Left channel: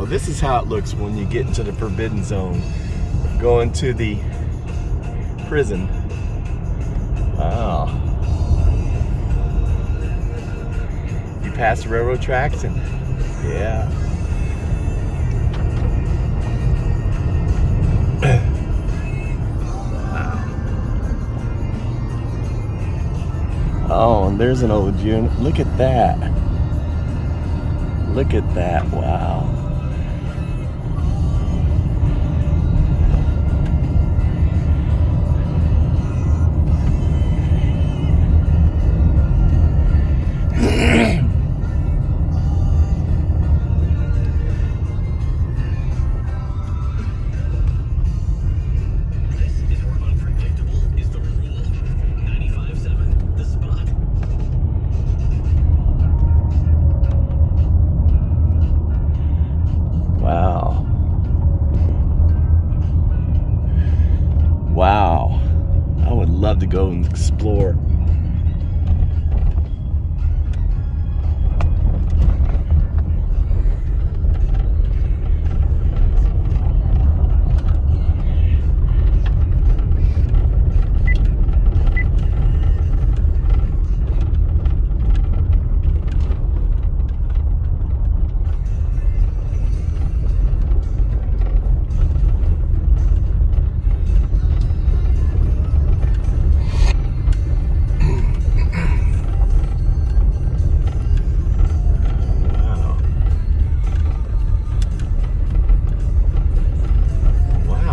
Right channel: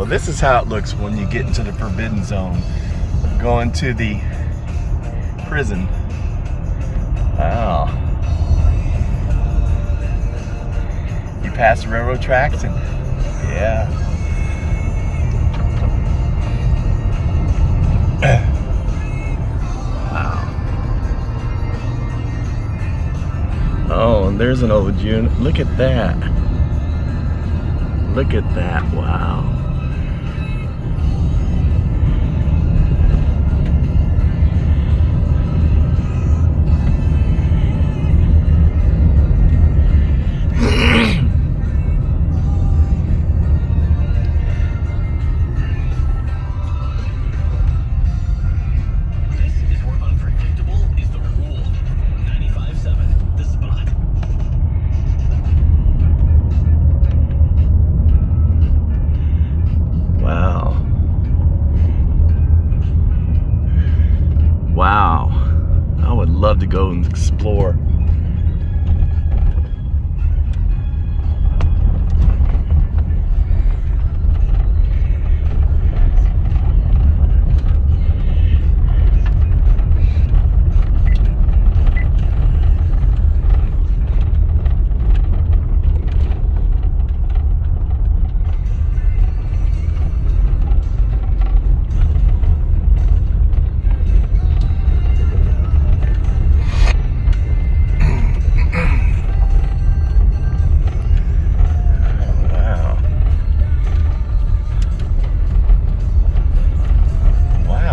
Well, this is how it looks when you get into the forbidden zone. Going to the prison. Wow. You pass the railroad tracks and yeah. Wow. Oh, and there's an old unit. Look at that. Look at that. Wow. Wow, I would love to go and explore.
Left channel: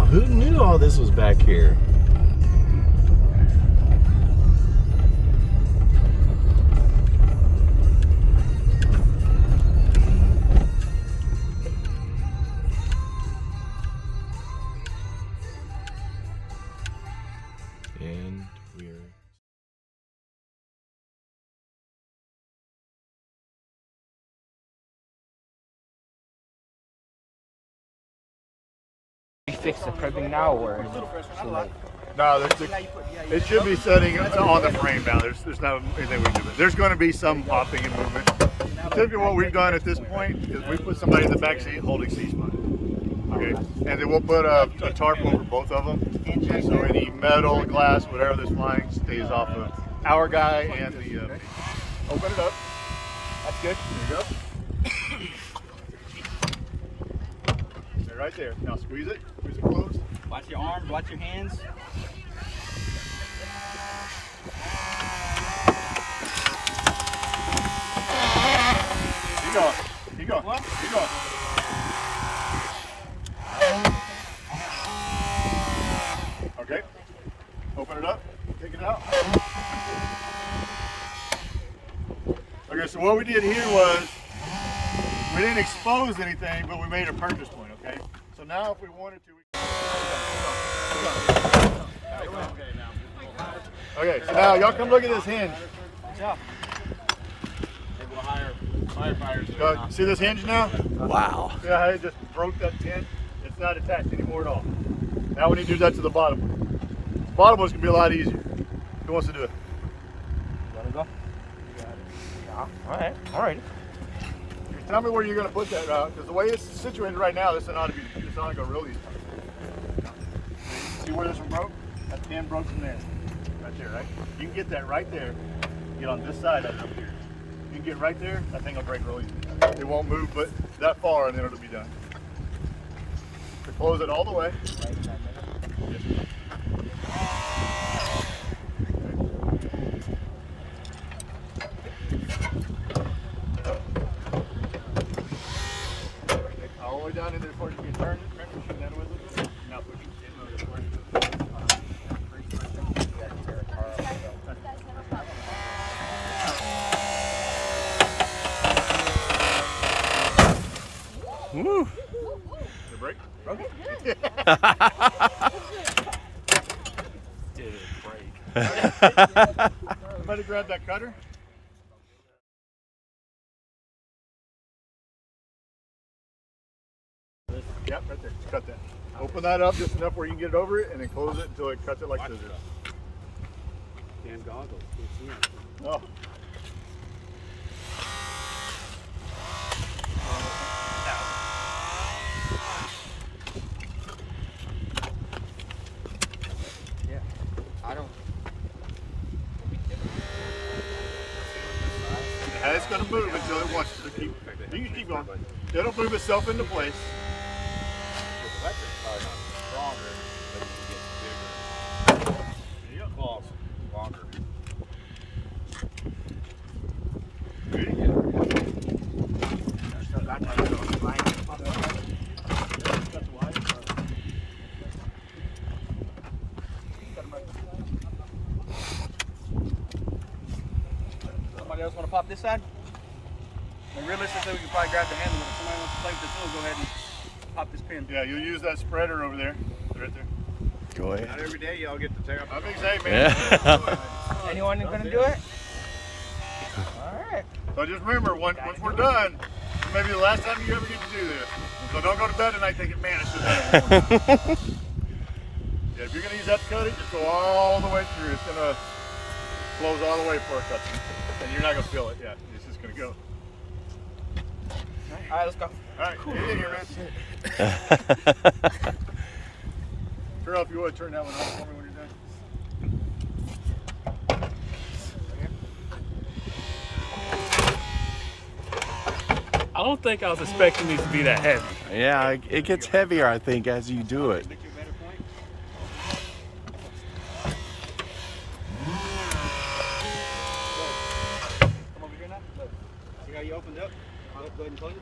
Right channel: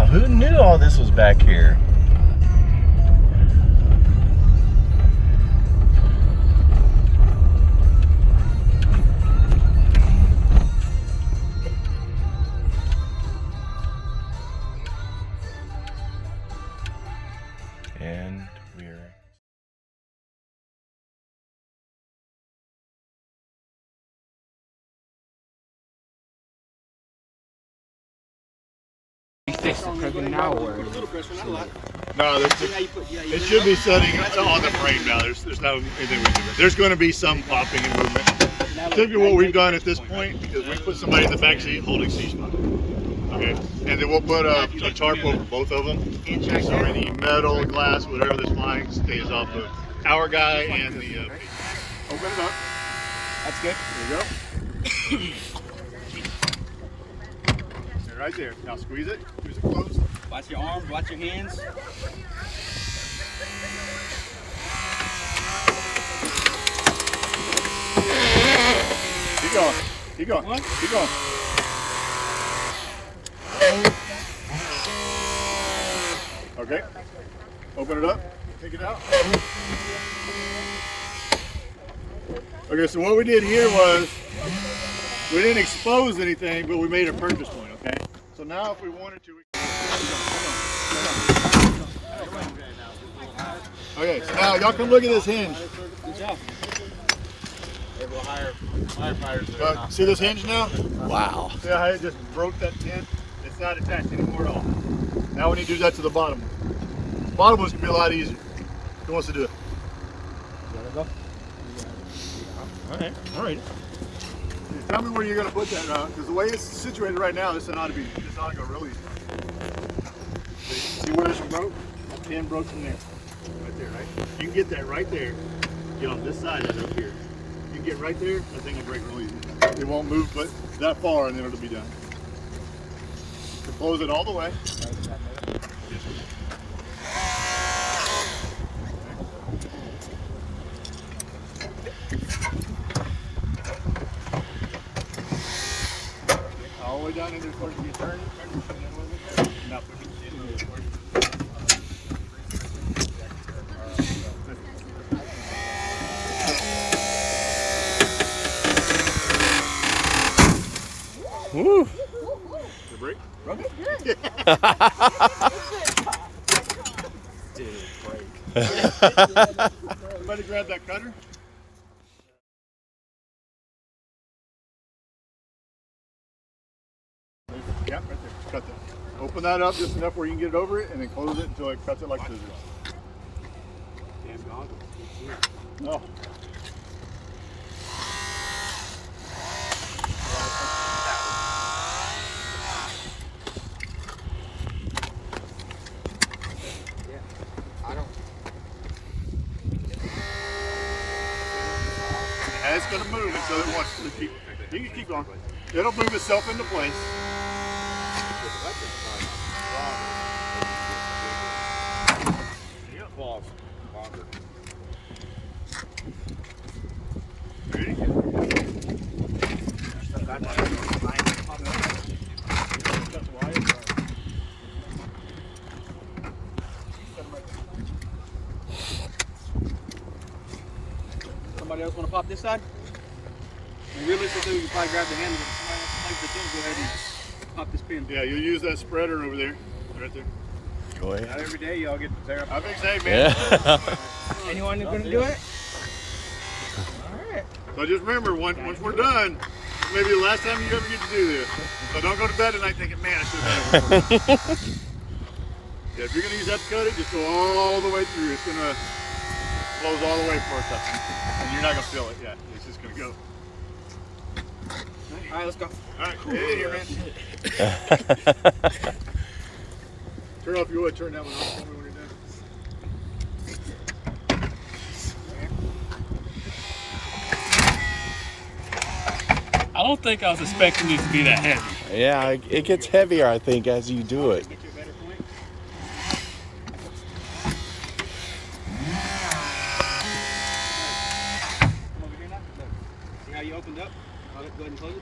Who knew all this was back here? And we're... Fix the prison now, or no, it should be setting on the frame now. There's not anything we can do. There's going to be some popping and movement. Typically, what we've done at this point is we put somebody in the back seat holding C-spot. Okay, and then we'll put a tarp over both of them, so any metal, glass, whatever that's flying stays off of our guy and the. Open it up. That's good. Yep. Right there. Now squeeze it. Squeeze it closed. Watch your arms, watch your hands. Keep going. Keep going. Keep going. Okay. Open it up. Take it out. Okay, so what we did here was we didn't expose anything, but we made a purchase point, okay? So now if we wanted to... Okay, so now y'all come look at this hinge. They will hire firefighters. See this hinge now? Wow. See how it just broke that pin? It's not attached anymore at all. Now we need to do that to the bottom. The bottom one's going to be a lot easier. Who wants to do it? All right. Tell me where you're going to put that, because the way it's situated right now, this ought to go really easy. See where this one broke? That pin broke from there. Right there, right? You can get that right there. Get on this side of it up here. You can get right there, that thing will break really easy. It won't move but that far and then it'll be done. Close it all the way. All the way down in there before you get turned. Now push it. Woo! Break? Broke it? Did it break? Somebody grab that cutter. Yep, right there. Just cut that. Open that up just enough where you can get it over it, and then close it until it cuts it like scissors. No. it's going to move until it wants to keep. You can keep going. It'll move itself into place. False. Longer. Somebody else want to pop this side? And realistically, you probably grab the handle. If somebody wants to fight this one, go ahead and pop this pin. Yeah, you'll use that spreader over there. Right there. Go ahead. Not every day y'all get to tear up. I think say, man. Yeah. Anyone going to do it? Alright. So just remember, once we're done, maybe the last time you ever get to do this. So don't go to bed tonight thinking, man, I should have done it. Yeah, if you're going to use that to cut it, just go all the way through. It's going to close all the way for us. And you're not going to feel it yet. It's just going to go. Alright, let's go. All right, get in here, man. Turn off your wood. Turn that one off for me when you're done. I don't think I was expecting it to be that heavy. Yeah, it gets heavier, I think, as you do it. Come over here now. Look. See how you opened up? Go ahead and close it.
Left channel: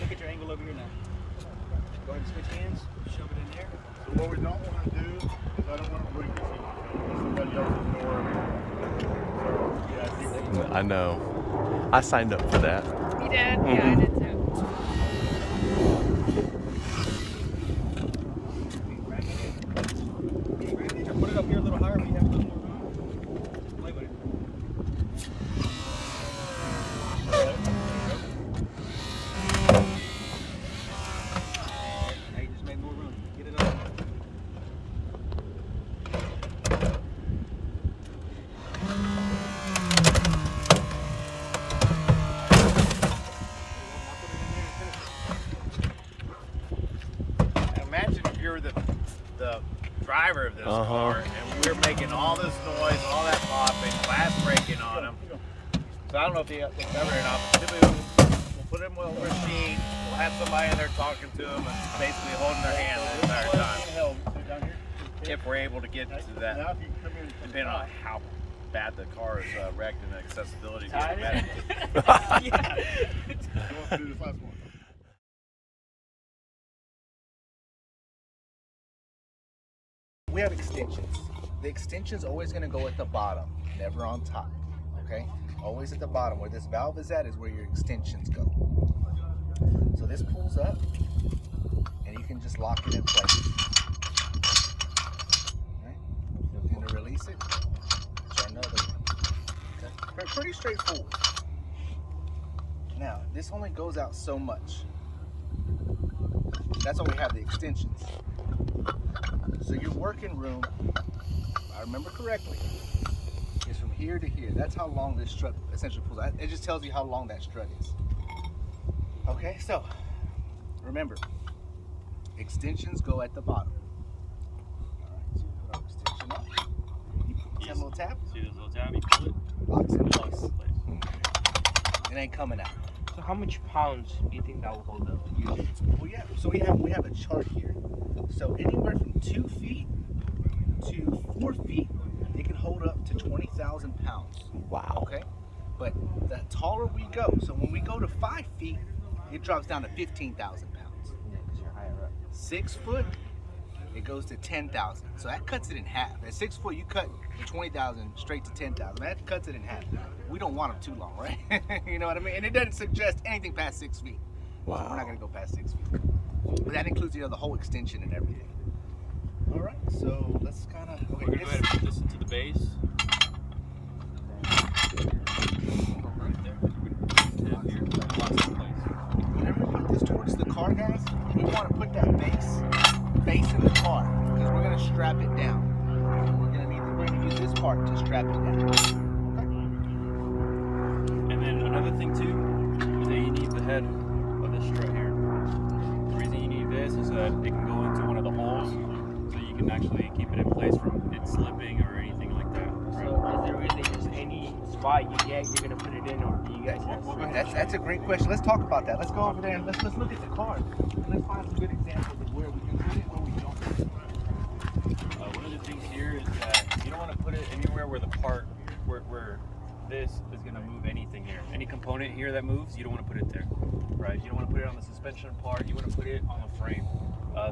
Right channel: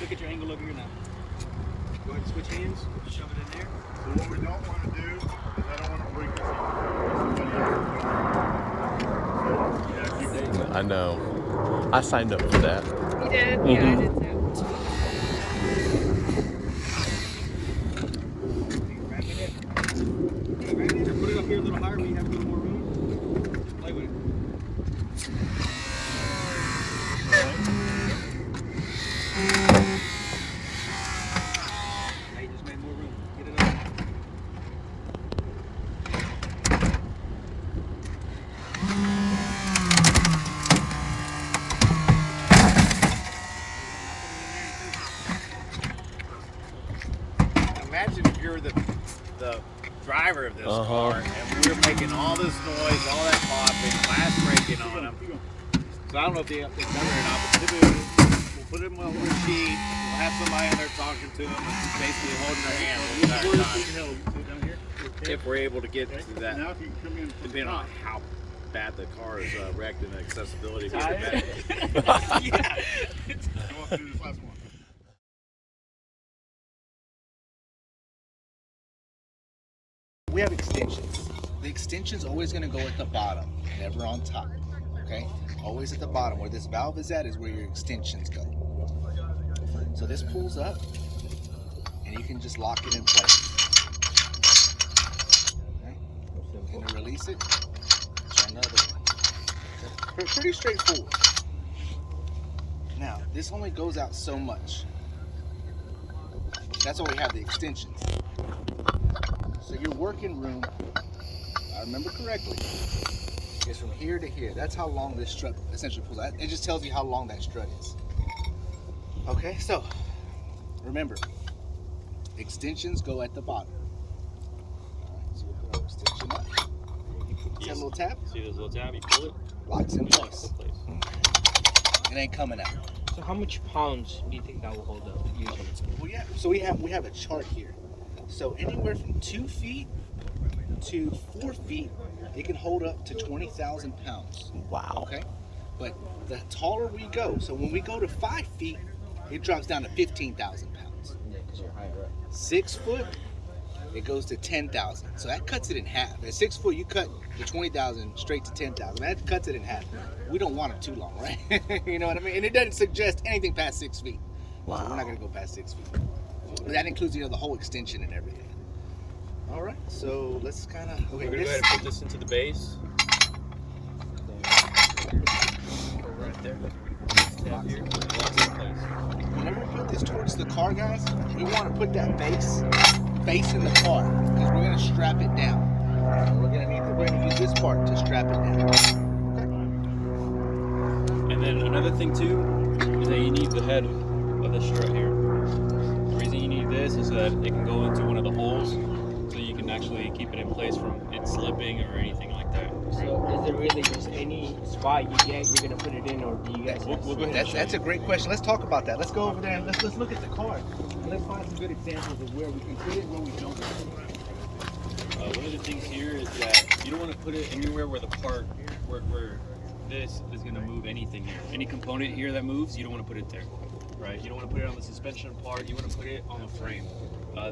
Look at your angle over here now. Go ahead and switch hands. Shove it in there. So what we don't want to do is I don't want to break this. Yeah, I know. I signed up for that. You did? Yeah, I did too. Put it up here a little higher. We have a little more room. Play with it. Now you just made more room. Get it up. Imagine if you're the driver of this Uh-huh. car and we're making all this noise, all that popping, glass breaking on them. So I don't know if you cover or not, but we'll put them on the sheet. We'll have somebody in there talking to them and basically holding their hand the entire time. Sit down here. If we're able to get to that, Now if you come in from the depending on top. how bad the car is wrecked and the accessibility being bad. Go up and do this last one. We have extensions. The extension's always going to go at the bottom, never on top. Okay? Always at the bottom. Where this valve is at is where your extensions go. So this pulls up, and you can just lock it in place. Okay? You're going to release it. Try another one. Okay? Pretty straightforward. Now, this only goes out so much. That's why we have the extensions. So your working room, if I remember correctly, is from here to here. That's how long this strut essentially pulls out. It just tells you how long that strut is. Okay, so remember, extensions go at the bottom. All right, so you have our extension up. You put that little tab, See this little tab, you pull it, locks in it locks place. in place. It ain't coming out. So how much pounds do you think that will hold up? We have a chart here. So anywhere from 2 feet to 4 feet, it can hold up to 20,000 pounds. Wow. Okay, but the taller we go, so when we go to 5 feet, it drops down to 15,000 pounds. Yeah, because you're higher up. 6 foot, it goes to 10,000. So that cuts it in half. At 6 foot, you cut the 20,000 straight to 10,000. That cuts it in half. We don't want them too long, right? You know what I mean? And it doesn't suggest anything past 6 feet. So we're not gonna go past 6 feet. But that includes, the whole extension and everything. All right, so let's kind of. We're gonna go ahead and put this into the base. Right there. Tab here, locks in place. Whenever you put this towards the car, guys, we want to put that base facing the car because we're gonna strap it down. We're gonna use this part to strap it down. And then another thing too is that you need the head of the strut here. The reason you need this is so that it can go into one of the holes, so you can actually keep it in place from it slipping or anything like that. So is there really just any buy it, you're gonna put it in, or do you guys? We'll go ahead. That's a great question. Let's talk about that. Let's go over there and let's look at the car. Let's find some good examples of where we can put it, where we don't. One of the things here is that you don't want to put it anywhere where the part, where this is going to move anything. Any component here that moves, you don't want to put it there, right? You don't want to put it on the suspension part. You want to put it on the frame.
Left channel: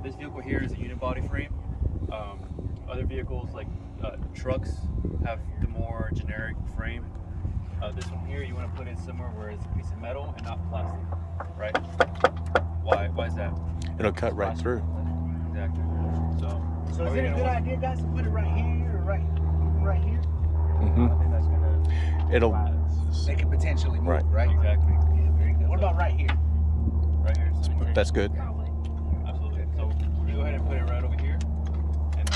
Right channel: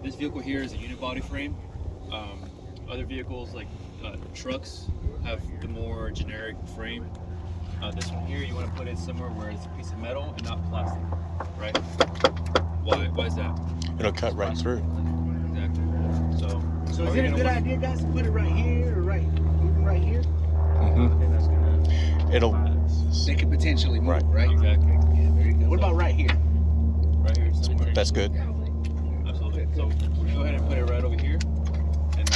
This vehicle here is a unibody frame. Other vehicles like trucks have the more generic frame. This one here, you want to put it somewhere where it's a piece of metal and not plastic, right? Why is that? It'll cut right through. Exactly. So is it a good idea, guys, to put it right here or right here? It'll. They could potentially move, right? Exactly. Yeah, very good. What about right here? Right here. Somewhere. That's good. Absolutely. So we're gonna go ahead and put it right over here, and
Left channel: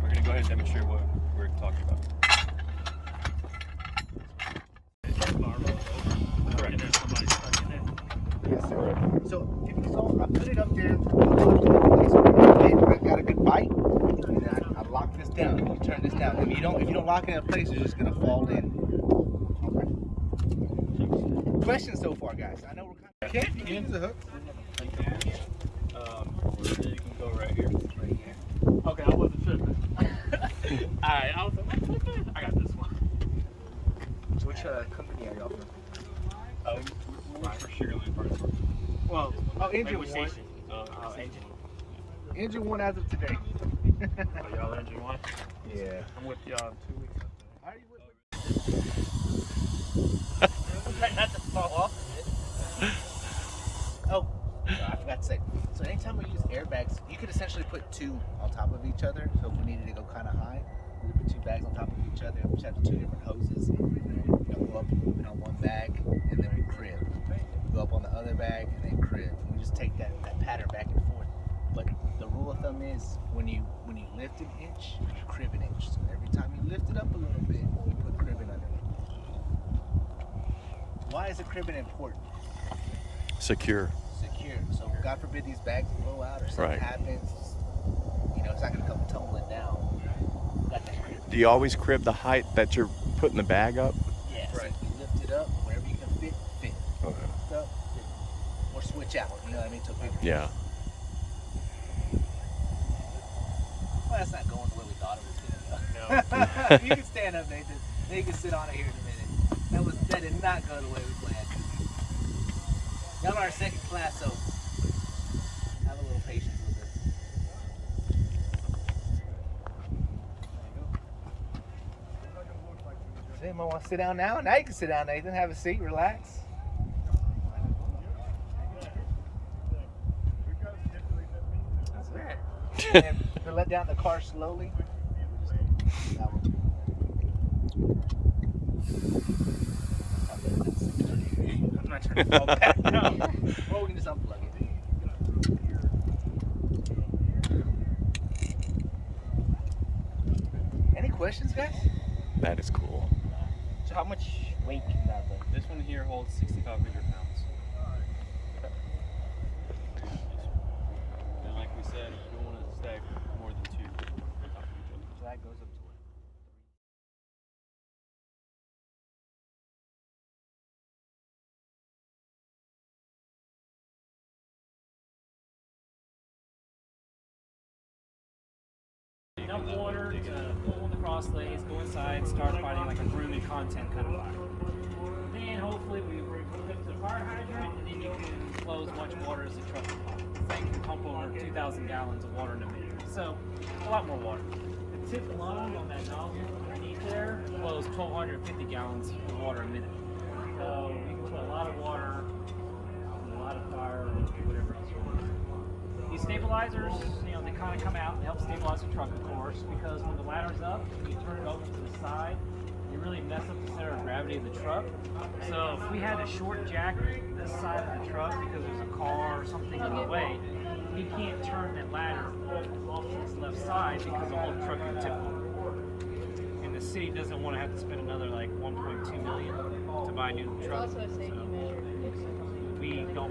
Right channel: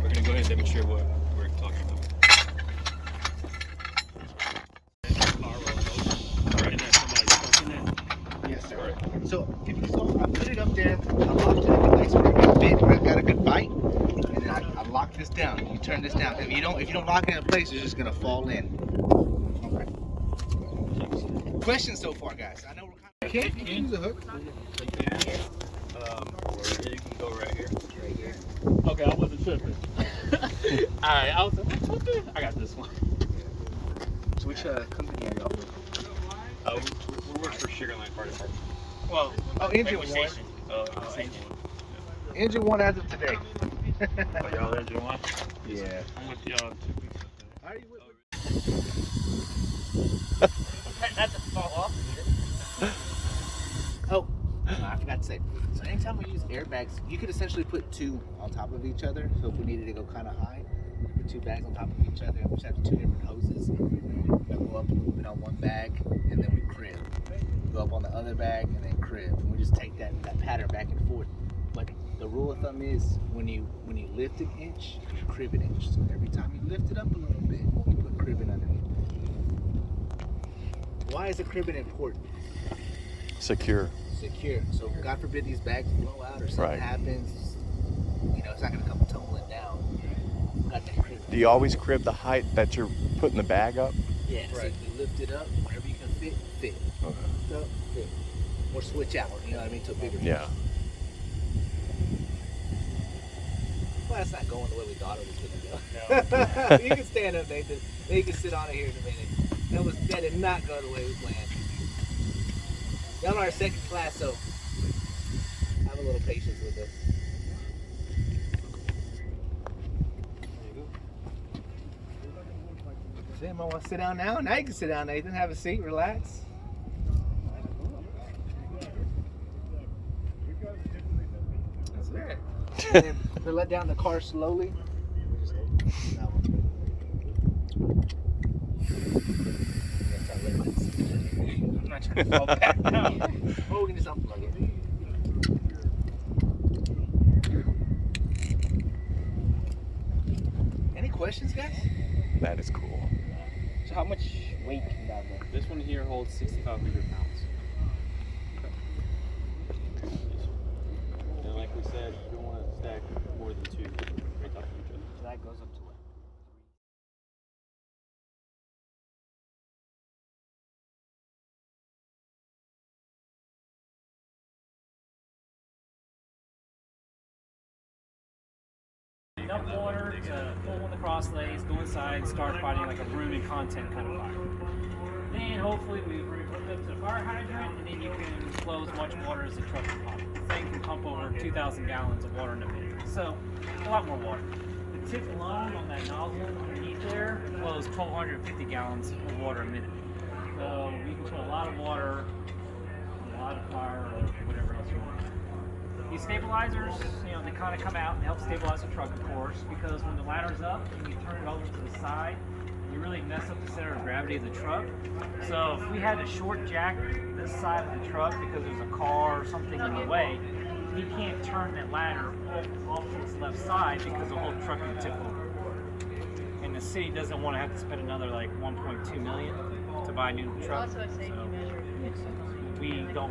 we're gonna go ahead and demonstrate what we're talking about. Yes, sir. So if you saw, I put it up there, I locked it in place where it got a good bite, and then I locked this down. You turn this down. If you don't lock it in place, it's just gonna fall in. Okay. Questions so far, guys? I know we're kind of. You can use a hook. You can go right here. Right here. Okay, I wasn't tripping. Alright, I was like, I got this one. So which company are y'all with? We work for Sugarline Fire Department. Well, Engine Wait, one. station. Engine one as of today. Oh, y'all engine one? Yeah. I'm with y'all 2 weeks. How are you with Not to fall off. Oh, no, I forgot to say. So anytime we use airbags, you could essentially put two on top of each other. So if we needed to go kind of high, we put two bags on top of each other. We just have two different hoses. We go up a little bit on one bag, and then we crib. We go up on the other bag, and then crib. And we just take that pattern back and forth. But the rule of thumb is when you lift an inch, you crib an inch. So every time you lift it up a little bit, you put cribbing underneath. Why is the cribbing important? Secure. Secure. So God forbid these bags blow out or something happens. You know, it's not gonna come tumbling down. Got that crib. Do you always crib the height that you're putting the bag up? Yeah. So if you lift it up, wherever you can fit, fit. Okay. Lift up, fit. Or switch out. You know what I mean? To a bigger. Yeah. Well, that's not going the way we thought it was gonna go. You can stand up, Nathan. Then you can sit on it here in a minute. That did not go the way we planned. Y'all are second class, so have a little patience with it. Does anyone want to sit down now? Now you can sit down, Nathan. Have a seat, relax. That's it. To let down the car slowly. That one. I'm not trying to fall back down. Oh, we can just unplug it. Any questions, guys? That is cool. So how much weight can that be? This one here holds 6,500 pounds. And like we said, you don't want to stack more than two right on each other. That goes up to what? Enough water to pull in the cross legs, go inside, and start fighting like a room and content kind of fire. Then hopefully we hooked up to the fire hydrant, and then you can flow as much water as the truck can pump. The thing can pump over 2,000 gallons of water in a minute, so a lot more water. The tip alone on that nozzle underneath there flows 1,250 gallons of water a minute. So we can put a lot of water on a lot of fire or whatever else you want to do. These stabilizers, you know, they kind of come out and help stabilize the truck, of course, because when the ladder's up and you turn it over to the side, you really mess up the center of gravity of the truck. So if we had to short jack this side of the truck because there's a car or something in the way, he can't turn that ladder off to its left side because the whole truck would tip over. And the city doesn't want to have to spend another like 1.2 million to buy a new truck. So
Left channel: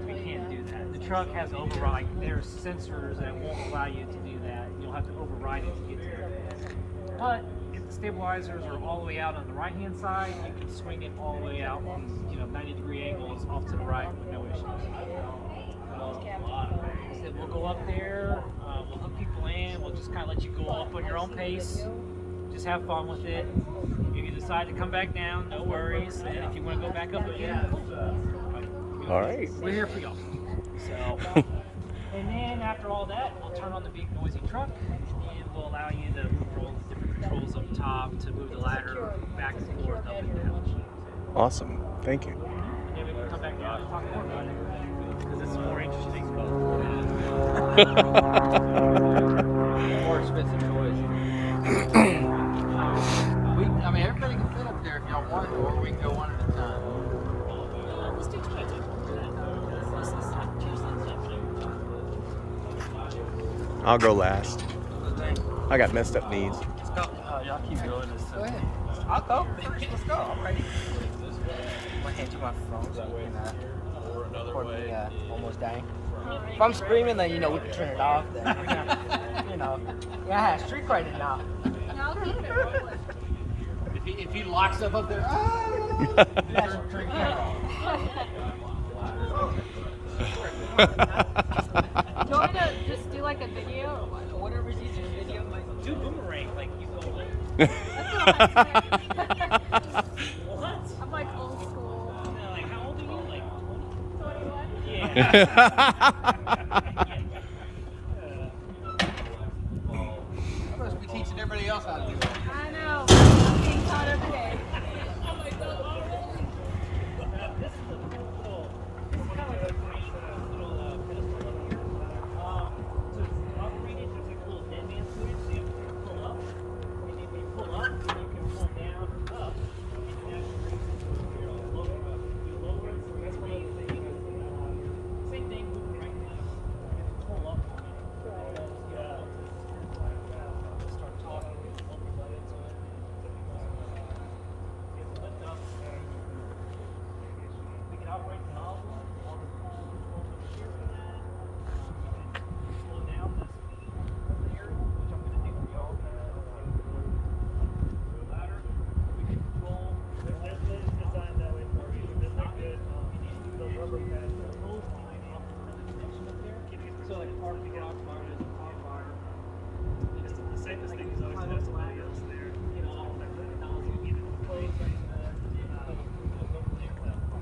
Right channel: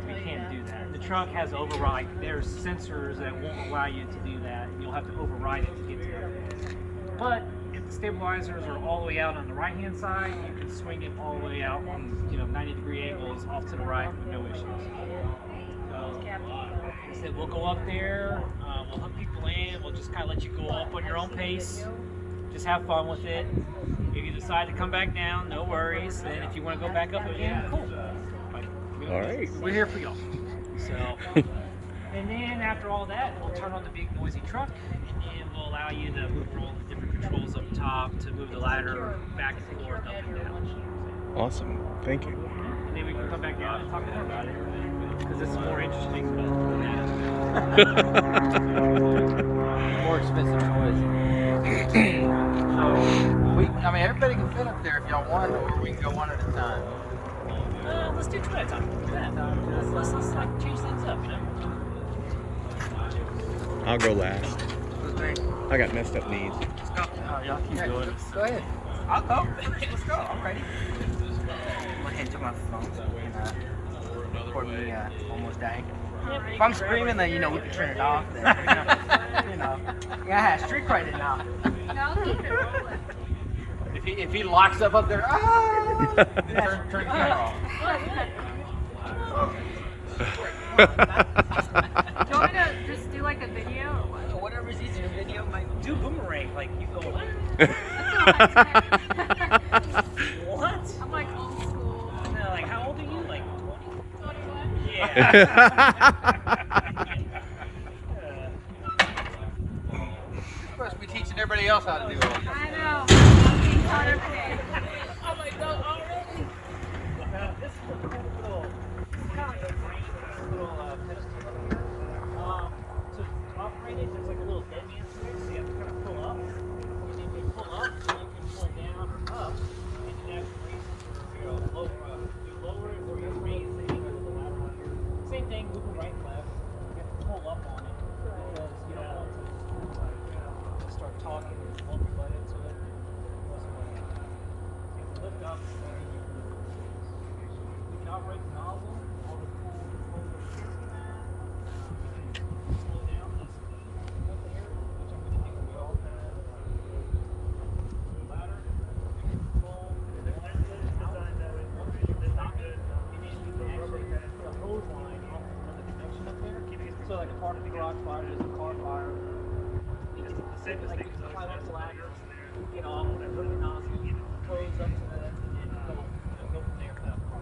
we can't do that. The truck has override. There's sensors that won't allow you to do that. You'll have to override it to get to that. But stabilizers are all the way out on the right hand side. You can swing it all the way out on 90-degree angles off to the right with no issues. So, like I said, we'll go up there, we'll hook people in, we'll just kind of let you go up on your own pace. Just have fun with it. If you decide to come back down, no worries. Then if you want to go back up again, cool. All right. We're here for y'all. So, and then after all that, we'll turn on the big noisy truck, and then we'll allow you to move all the different controls up top to move the ladder back and forth, up and down. Awesome. Thank you. And then we can come back down and talk more about it, because this is more interesting. More expensive I mean, everybody can fit up there if y'all want, or we can go one at a time. Let's do two at a time. Yeah. Let's like change things up, I'll go last. I got messed up knees. Y'all keep going. Go ahead. I'll go first. Let's go. I'm ready. I'm gonna hand you my phone so you can record me almost dying. Yeah, If I'm screaming, then we can turn it off. Then, yeah, street fighting now. If he locks up there, turn the camera off. Do you want to just do like a video? Whatever's easier, video might do boomerang, like you go. What? I'm like old school. No, like how old are you? Like 20? 21. Yeah. I must be teaching everybody else how to do it. I know. I'm being taught every day. I'm like, no, already. Now, this is a cool little, this is kind of like a brain, little pedestal up here. To operate it, there's like a little dead man switch, so you have to kind of pull up. And then when you pull up, you can pull down or up, and then that raises or, lower, you lower it or you raise the angle of the ladder here. Same thing, moving right and left. You have to pull up on it, because you don't want to just kind of like, start talking and bump your butt into it. Go somewhere like that. You have to lift up, and then you can move. We can operate the nozzle, all the cool controls over here for that. We can slow down the speed of the aerial, which I'm going to do for y'all. Like the ladder, we can control the engine out once you can stop it, and then you can actually put a hose line off of another connection up there. So like a part of the garage fire, there's a car fire. It's the simplest thing. Close the ladder, get off, hook the nozzle, hose up to the, and then go from there without the car.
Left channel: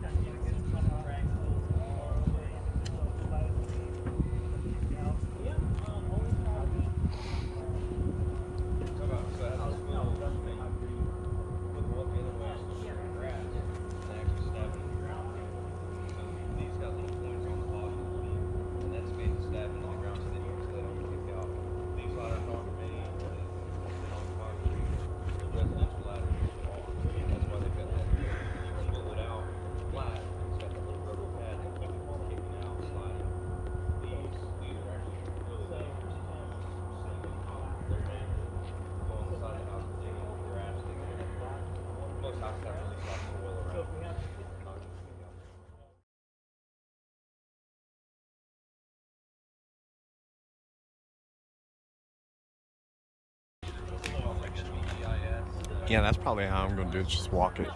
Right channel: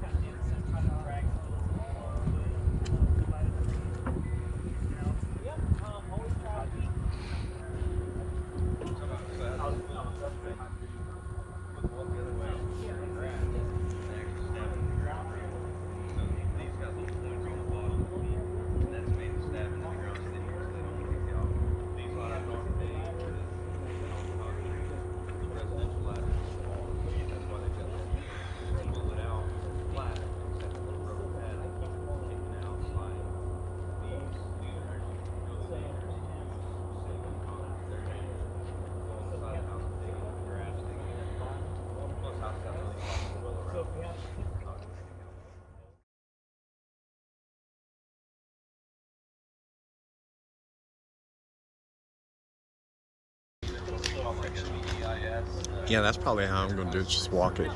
Kind of do it, try to drag hose all the way up. Yeah, always try to keep. I was about to say how to do it. Yeah, that's probably how I'm going to do it. Just walk it.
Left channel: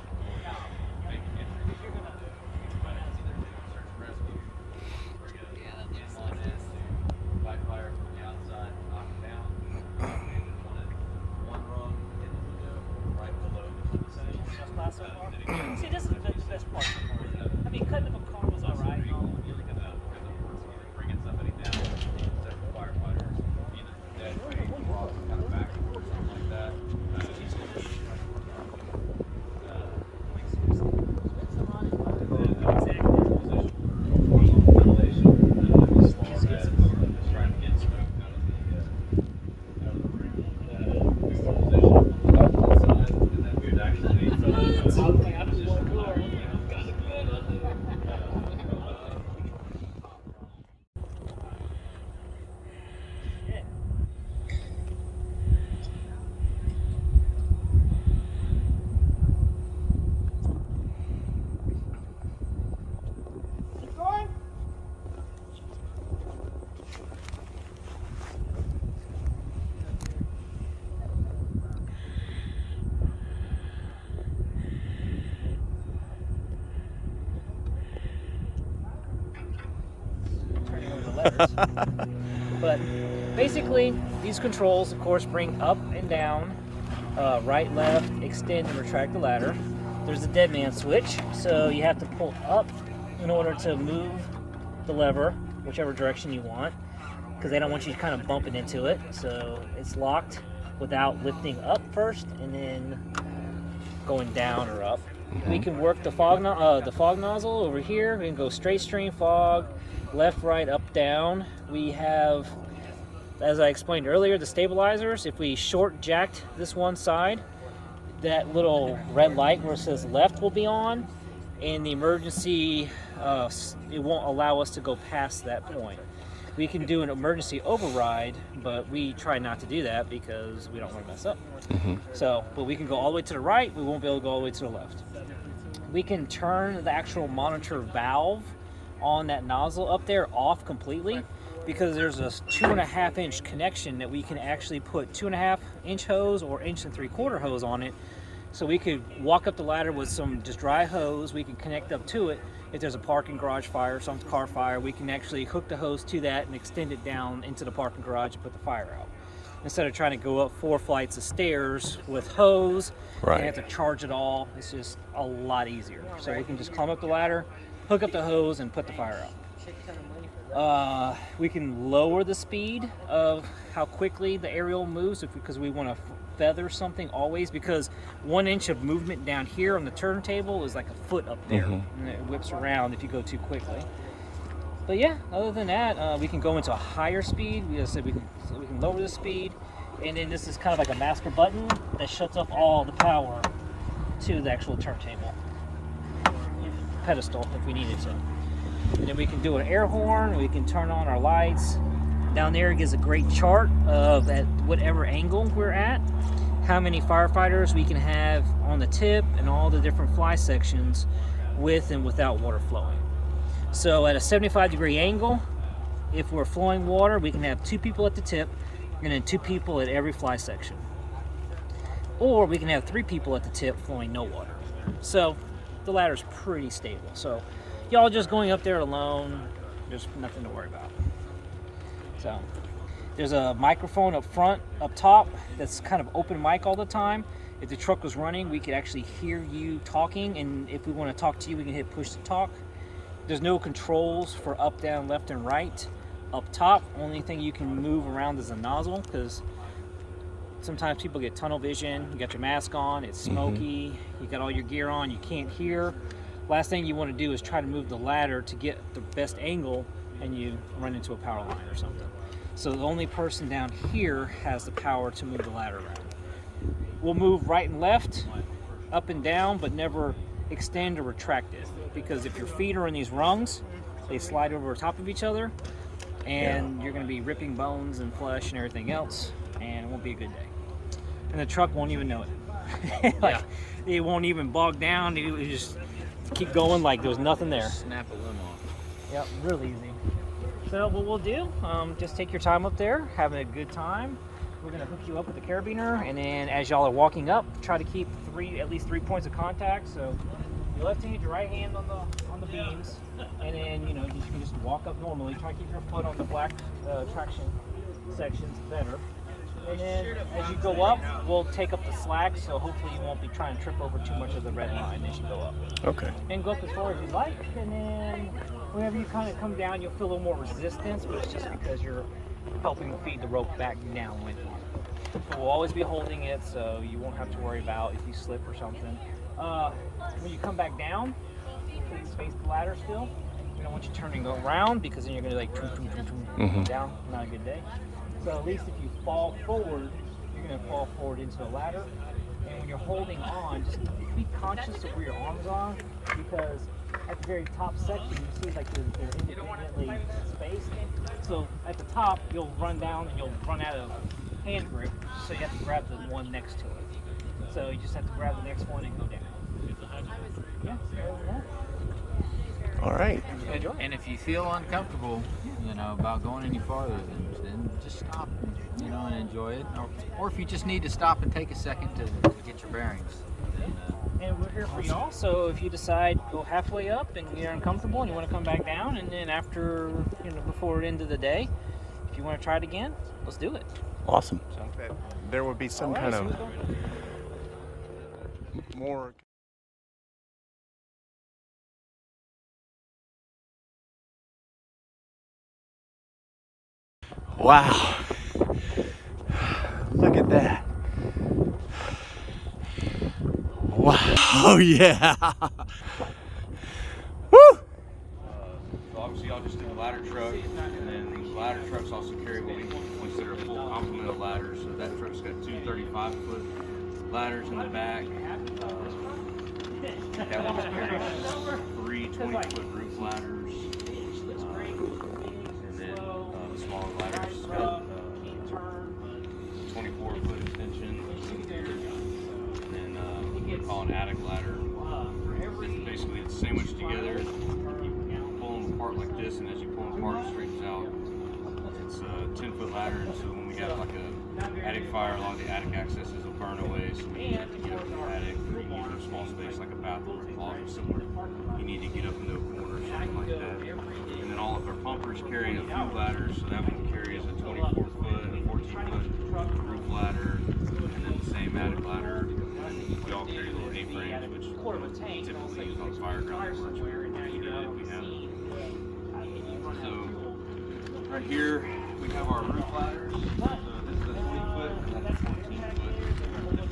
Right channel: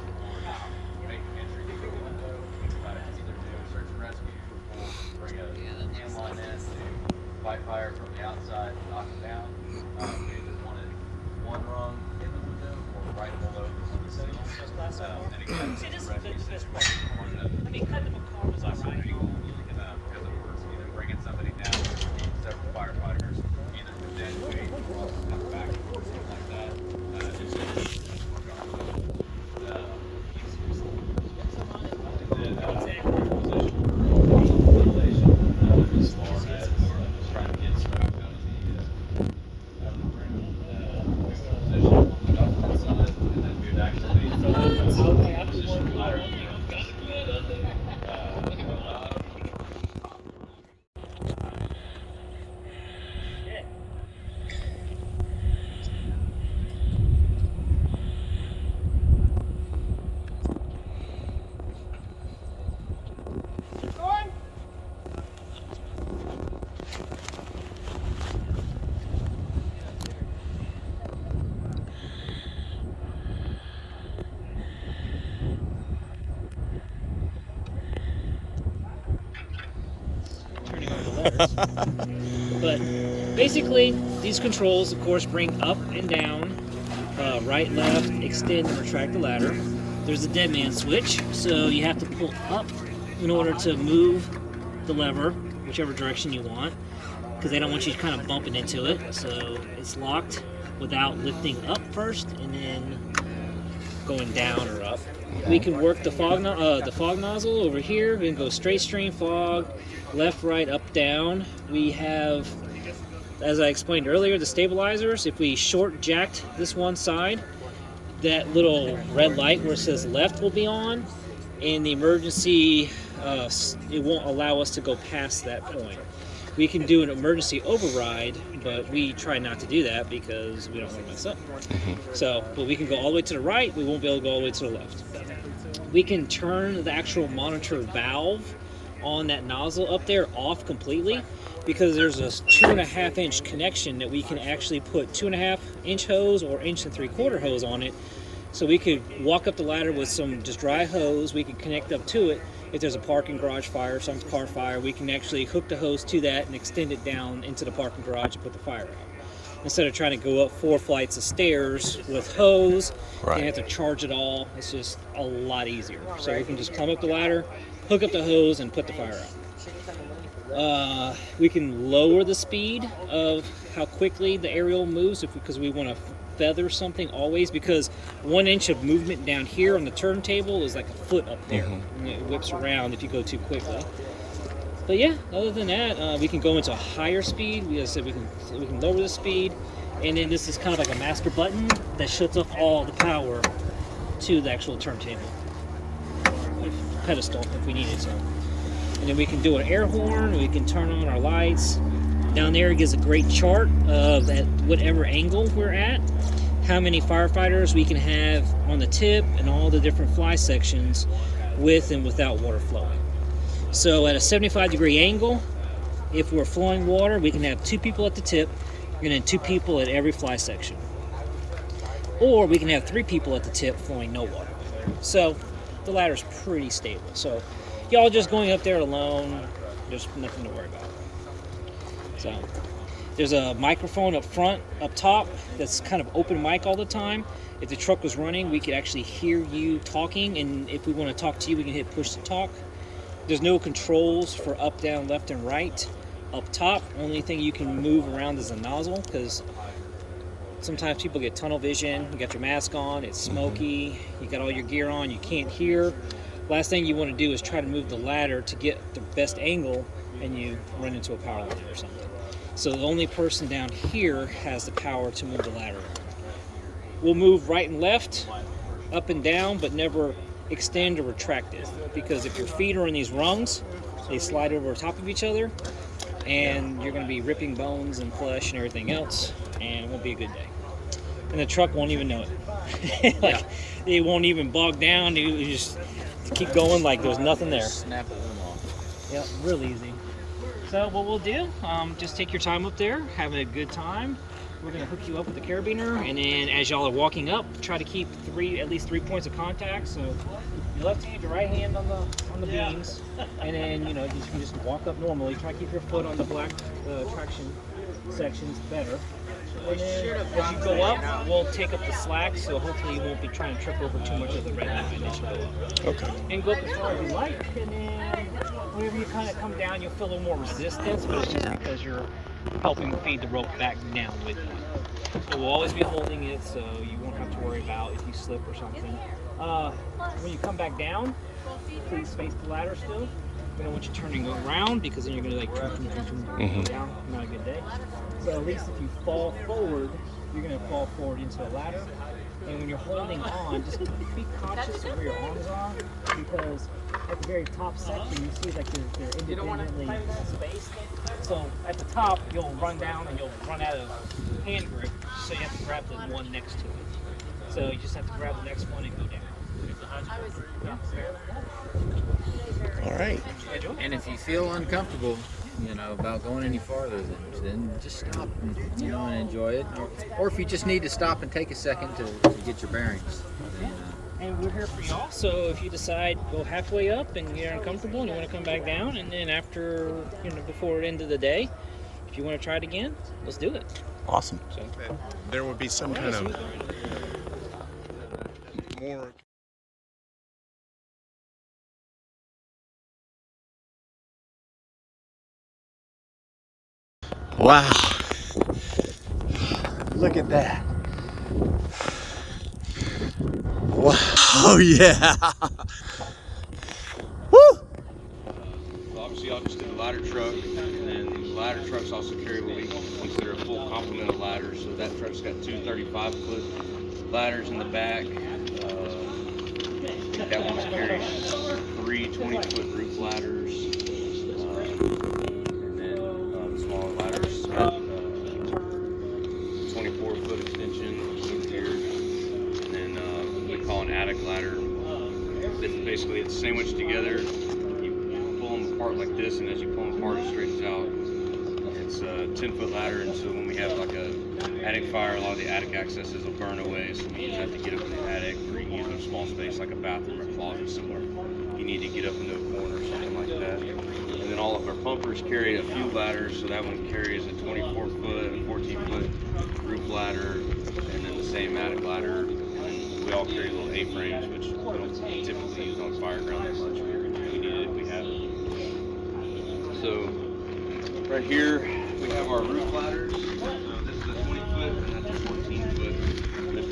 Fight fire from the outside, knock it down. One rung in the window or right below the See, this is the best part. I mean, cutting the car was alright. bringing somebody down, several firefighters, either the dead weight or come back or something like that. levers. But basically, these controls, of course, bring up and down, right, left, extend, and retract the ladder. There's a dead man switch, so you have to pull up in order to move the lever, whichever direction you want, because they don't want you kind of bumping into it. So it's locked without lifting up first and then going down rough. We can work the fog nozzle over here. We can go straight stream fog, left, right, up, down. We have, as I explained earlier, the stabilizers. If we short jacked this one side, that little red light where it says left will be on, and the emergency, it won't allow us to go past that point. We can do an emergency override, but we try not to do that because we don't want to mess up. So, but we can go all the way to the right, we won't be able to go all the way to the left. We can turn the actual monitor valve on that nozzle up there off completely, because there's a 2.5 inch connection that we can actually put 2.5 inch hose or 1 3/4 hose on it. So we could walk up the ladder with some just dry hose. We can connect up to it. If there's a parking garage fire, some car fire, we can actually hook the hose to that and extend it down into the parking garage and put the fire out. Instead of trying to go up 4 flights of stairs with hose and have to charge it all, it's just a lot easier. So we can just climb up the ladder, hook up the hose, and put the fire out. We can lower the speed of how quickly the aerial moves because we want to feather something always, because 1 inch of movement down here on the turntable is like a foot up there, and it whips around if you go too quickly. But yeah, other than that, we can go into a higher speed. We said we can lower the speed, and then this is kind of like a master button that shuts off all the power to the actual turntable pedestal if we needed to. And then we can do an air horn. We can turn on our lights. Down there it gives a great chart of at whatever angle we're at, how many firefighters we can have on the tip and all the different fly sections with and without water flowing. So at a 75-degree angle, if we're flowing water, we can have 2 people at the tip and then 2 people at every fly section. Or we can have 3 people at the tip flowing no water. So the ladder's pretty stable. So y'all just going up there alone, there's nothing to worry about. So there's a microphone up front, up top, that's kind of open mic all the time. If the truck was running, we could actually hear you talking, and if we want to talk to you, we can hit push to talk. There's no controls for up, down, left, and right. Up top, only thing you can move around is the nozzle, because sometimes people get tunnel vision. You got your mask on, it's smoky, you got all your gear on, you can't hear. Last thing you want to do is try to move the ladder to get the best angle, and you run into a power line or something. So the only person down here has the power to move the ladder around. We'll move right and left, up and down, but never extend or retract it, because if your feet are on these rungs, they slide over top of each other, and you're going to be ripping bones and flesh and everything else, and it won't be a good day. And the truck won't even know it. It won't even bog down. It will just keep going like there's nothing there. Snap a limb off. Yep, real easy. So what we'll do, just take your time up there, have a good time. We're gonna hook you up with the carabiner, and then as y'all are walking up, try to keep at least three points of contact. So your left hand, your right hand on the beams, and then you can just walk up normally. Try to keep your foot on the black traction sections better. And then as you go up, we'll take up the slack, so hopefully you won't be trying to trip over too much of the red line initially. Okay. And go up as far as you like, and then whenever you kind of come down, you'll feel a little more resistance, but it's just because you're helping feed the rope back down with it. So we'll always be holding it, so you won't have to worry about if you slip or something. When you come back down, please face the ladder still. We don't want you turning around, because then you're going to like down. Not a good day. So at least if you fall forward, you're going to fall forward into the ladder. And when you're holding on, just be conscious of where your arms are, because at the very top section, you see like they're independently spaced. So at the top, you'll run down and you'll run out of hand grip, so you have to grab the one next to it. So you just have to grab the next one and go down. Yeah, All right. And if you feel uncomfortable, about going any farther, then just stop and enjoy it. Or if you just need to stop and take a second to get your bearings, then And we're here for y'all, so if you decide go halfway up and you're uncomfortable and you want to come back down, and then after, before the end of the day, if you want to try it again, let's do it. Awesome. So, There would be some kind of more. Wow. Look at that. Wow. Oh, yeah. Woo! Obviously, y'all just did the ladder truck, and then these ladder trucks also carry what we consider a full complement of ladders. So that truck's got two 35-foot ladders in the back. That one carries three 20-foot roof ladders, and then the smaller ladders got 24-foot extension here, and then what we call an attic ladder. Basically, it's sandwiched together. Like this, and as you pull them apart, it straightens out. It's a 10-foot ladder, and so when we have like a attic fire, a lot of the attic accesses will burn away, so we use that to get up in the attic, or you use a small space like a bathroom or closet somewhere. You need to get up into a corner or something like that. And then all of our pumpers carry a few ladders, so that one carries a 24-foot, a 14-foot roof ladder, and then the same attic ladder. And we all carry little A-frames, which we don't typically use on fire ground as much. We have it. So right here we have our roof ladders. This is a 20-foot and that's a 14-foot. The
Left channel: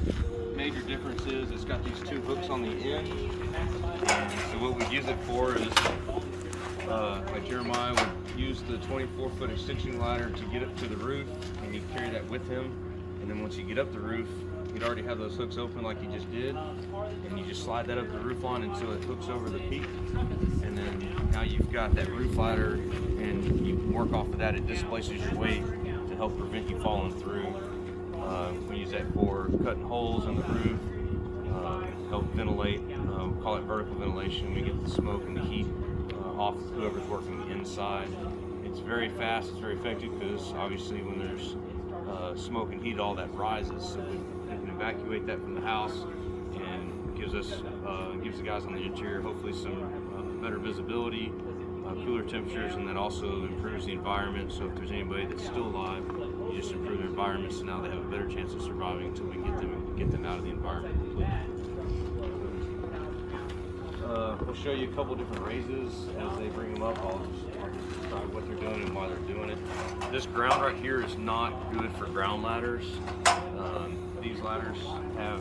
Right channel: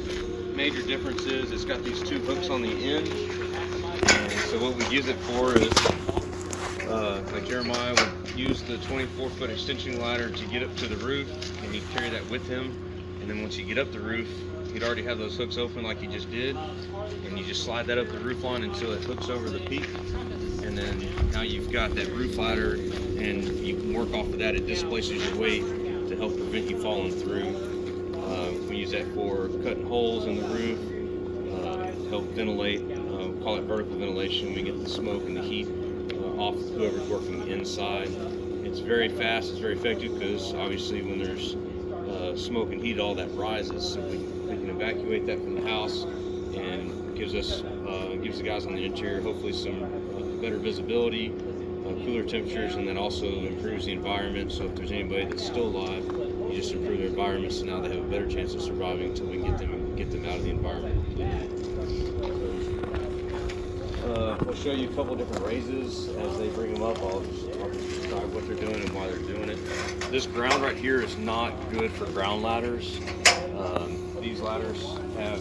major difference is it's got these two hooks on the end. So what we use it for is, like Jeremiah would use the 24-foot extension ladder to get up to the roof, and he'd carry that with him. And then once you get up the roof, you'd already have those hooks open like you just did, and you just slide that up the roof line until it hooks over the peak, and then now you've got that roof ladder, and you can work off of that. It displaces your weight to help prevent you falling through. We use that for cutting holes in the roof, help ventilate. We call it vertical ventilation. We get the smoke and the heat off of whoever's working inside. It's very fast, it's very effective, because obviously when there's smoke and heat, all that rises, so we can evacuate that from the house, and gives us gives the guys on the interior hopefully some better visibility, cooler temperatures, and then also improves the environment. So if there's anybody that's still alive, you just improve their environment, so now they have a better chance of surviving until we can get them out of the environment. We'll show you a couple different raises as they bring them up. I'll describe what they're doing and why they're doing it. This ground right here is not good for ground ladders. These ladders have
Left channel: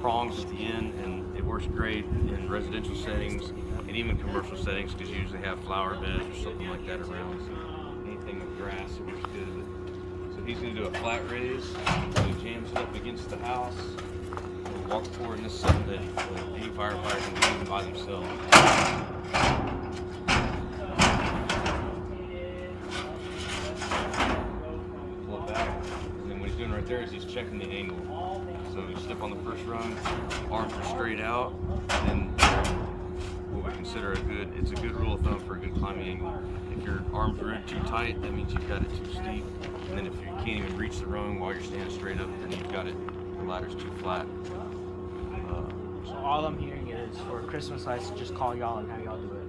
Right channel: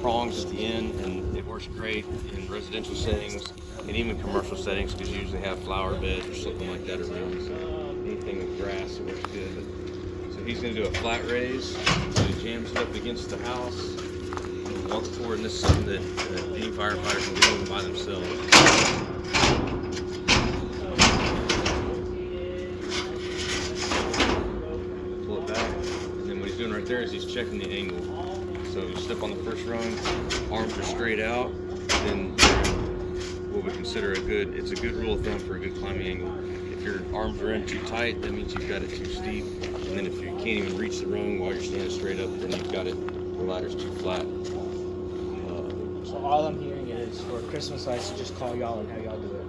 prongs at the end, and it works great in residential settings and even commercial settings, because you usually have flower beds or something like that around. So anything with grass, it works good. So he's going to do a flat raise. So he jams it up against the house, walk forward, and this is something that any firefighter can do by themselves. Pull it back, and then what he's doing right there is he's checking the angle. So you step on the first rung, arms are straight out, then what we consider it's a good rule of thumb for a good climbing angle. If your arms are in too tight, that means you've got it too steep. And then if you can't even reach the rung while you're standing straight up, then you've got the ladder's too flat. So all I'm hearing is for Christmas lights, just call y'all and have y'all do it.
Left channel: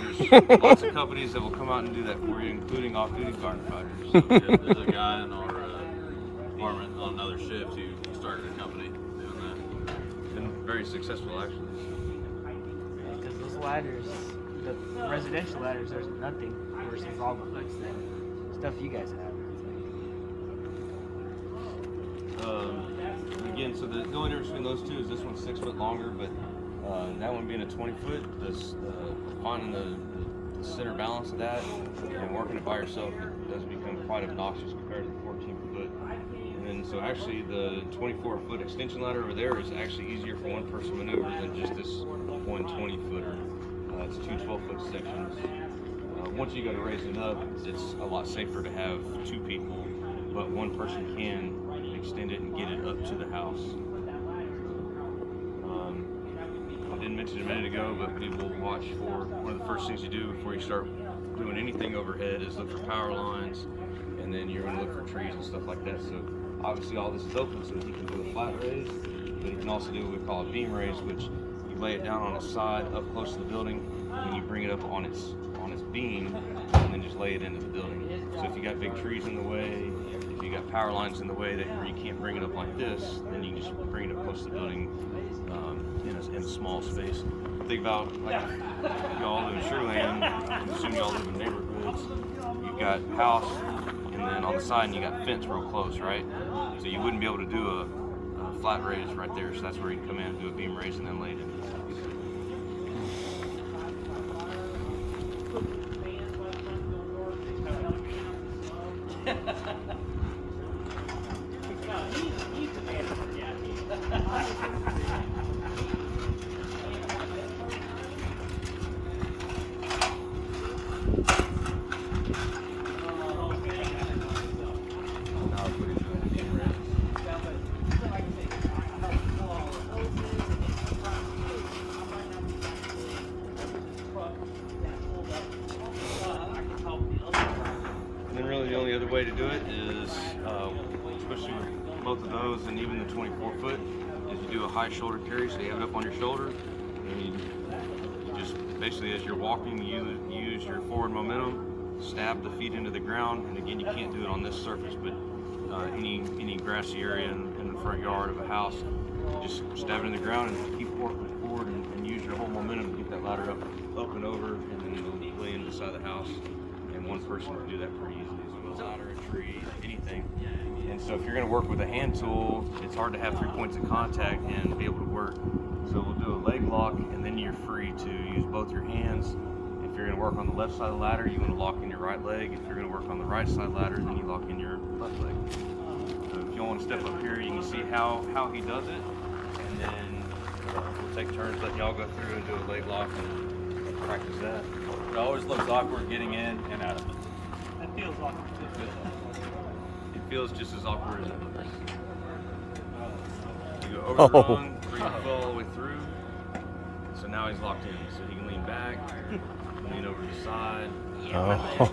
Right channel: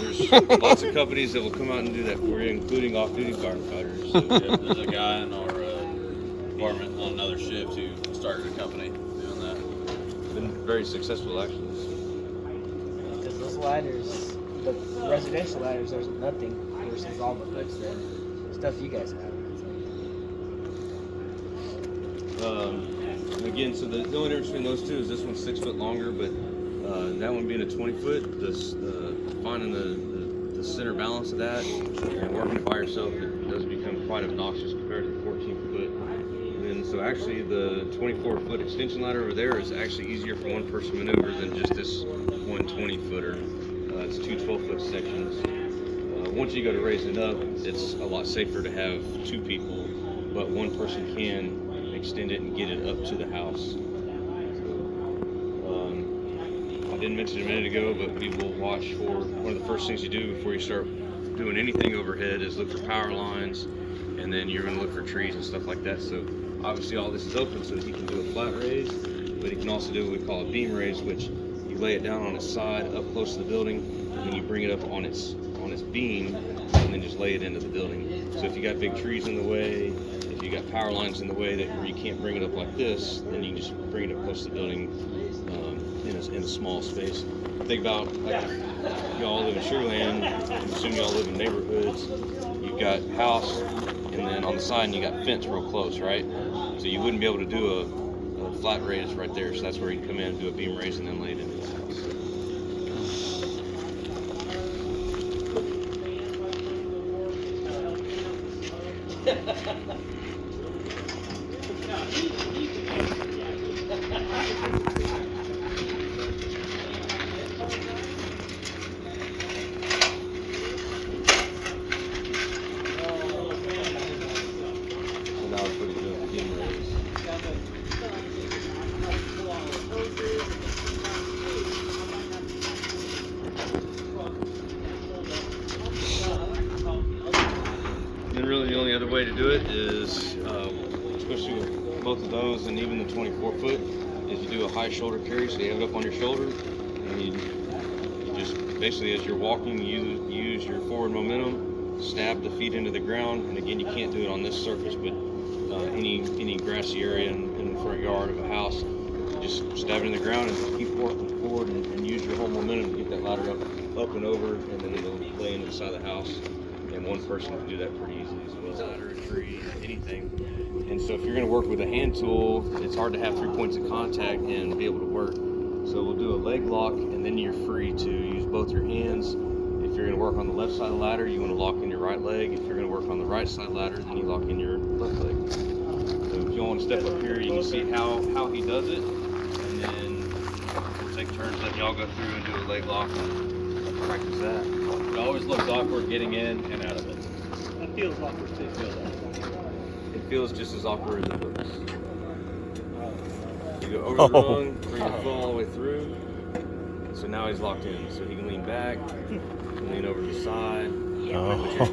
There's lots of companies that will come out and do that for you, including off-duty firefighters. So there's a guy in our department on another shift who started a company doing that. Been very successful, actually. Because those ladders, the residential ladders, there's nothing versus all the hooks that stuff you guys have. Again, so the only difference between those two is this one's 6 foot longer, but that one being a 20 foot, finding the center balance of that and working it by yourself, it does become quite obnoxious compared to the 14 foot. And so actually the 24 foot extension ladder over there is actually easier for one person maneuver than just this 120 footer. It's two 12 foot sections. Once you go to raise it up, it's a lot safer to have two people, but one person can extend it and get it up to the house. I didn't mention it a minute ago, but we will watch for one of the first things you do before you start doing anything overhead is look for power lines, and then you're going to look for trees and stuff like that. So obviously all this is open, so he can do a flat raise, but he can also do what we call a beam raise, which you lay it down on its side up close to the building, and then you bring it up on its beam, and then just lay it into the building. So if you got big trees in the way, if you got power lines in the way that where you can't bring it up like this, then you can just bring it up close to the building in a small space. Think about like if y'all live in Sugarland, and assume y'all live in neighborhoods. You've got house, and then on the side you got fence real close, right? So you wouldn't be able to do a flat raise right there. So that's where you come in and do a beam raise and then lay it into the house. And really the only other way to do it is, especially with both of those and even the 24 foot, is you do a high shoulder carry, so you have it up on your shoulder, and you just basically as you're walking, you use your forward momentum, stab the feet into the ground, and again you can't do it on this surface, but any grassy area in the front yard of a house, you just stab it in the ground and just keep working forward and use your whole momentum to get that ladder up and over, and then it'll lay into the side of the house. And one person can do that pretty easily. So a ladder, a tree, anything. And so if you're going to work with a hand tool, it's hard to have 3 points of contact and to be able to work. So we'll do a leg lock, and then you're free to use both your hands. If you're going to work on the left side of the ladder, you want to lock in your right leg. If you're going to work on the right side of the ladder, then you lock in your left leg. So if you want to step up here, you can see how he does it. And then we'll take turns letting y'all go through and do a leg lock and practice that. It always looks awkward getting in and out of it. It feels awkward too. It feels just as awkward as it looks. You go over the rung, bring your foot all the way through. So now he's locked in. So he can lean back, lean over to the side.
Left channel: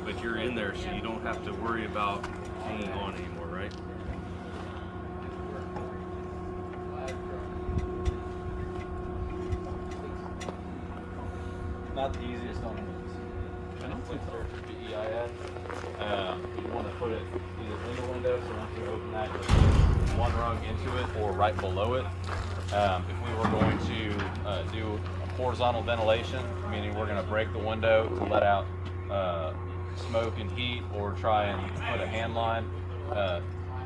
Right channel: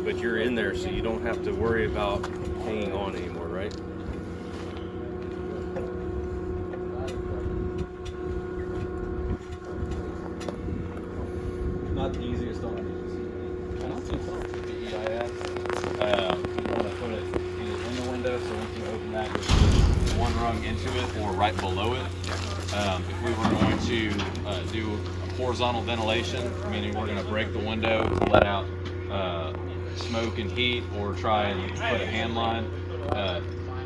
But you're in there, so you don't have to worry about hanging on anymore, right? Not the easiest on these. I don't think so. EIS. You want to put it either in the window, so once you open that, just one rung into it or right below it. If we were going to do horizontal ventilation, meaning we're going to break the window to let out smoke and heat, or try and put a hand line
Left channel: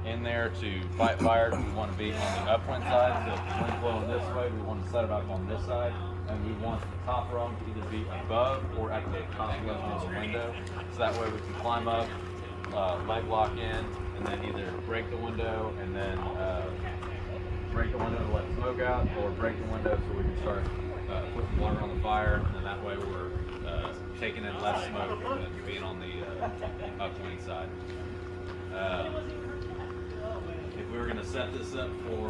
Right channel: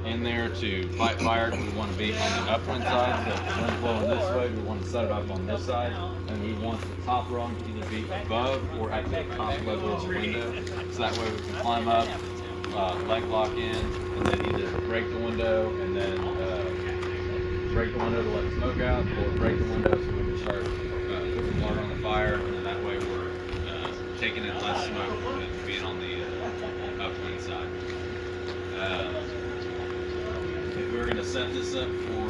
in there to fight fire, we want to be on the upwind side. So if we're blowing this way, we want to set it up on this side, and we want the top rung to either be above or at the top level of the window. So that way we can climb up, leg lock in, and then either break the window and then break the window to let smoke out, or break the window so we can start putting water on the fire, and then that way we're taking in less smoke than being on the upwind side. If we were going to set this up for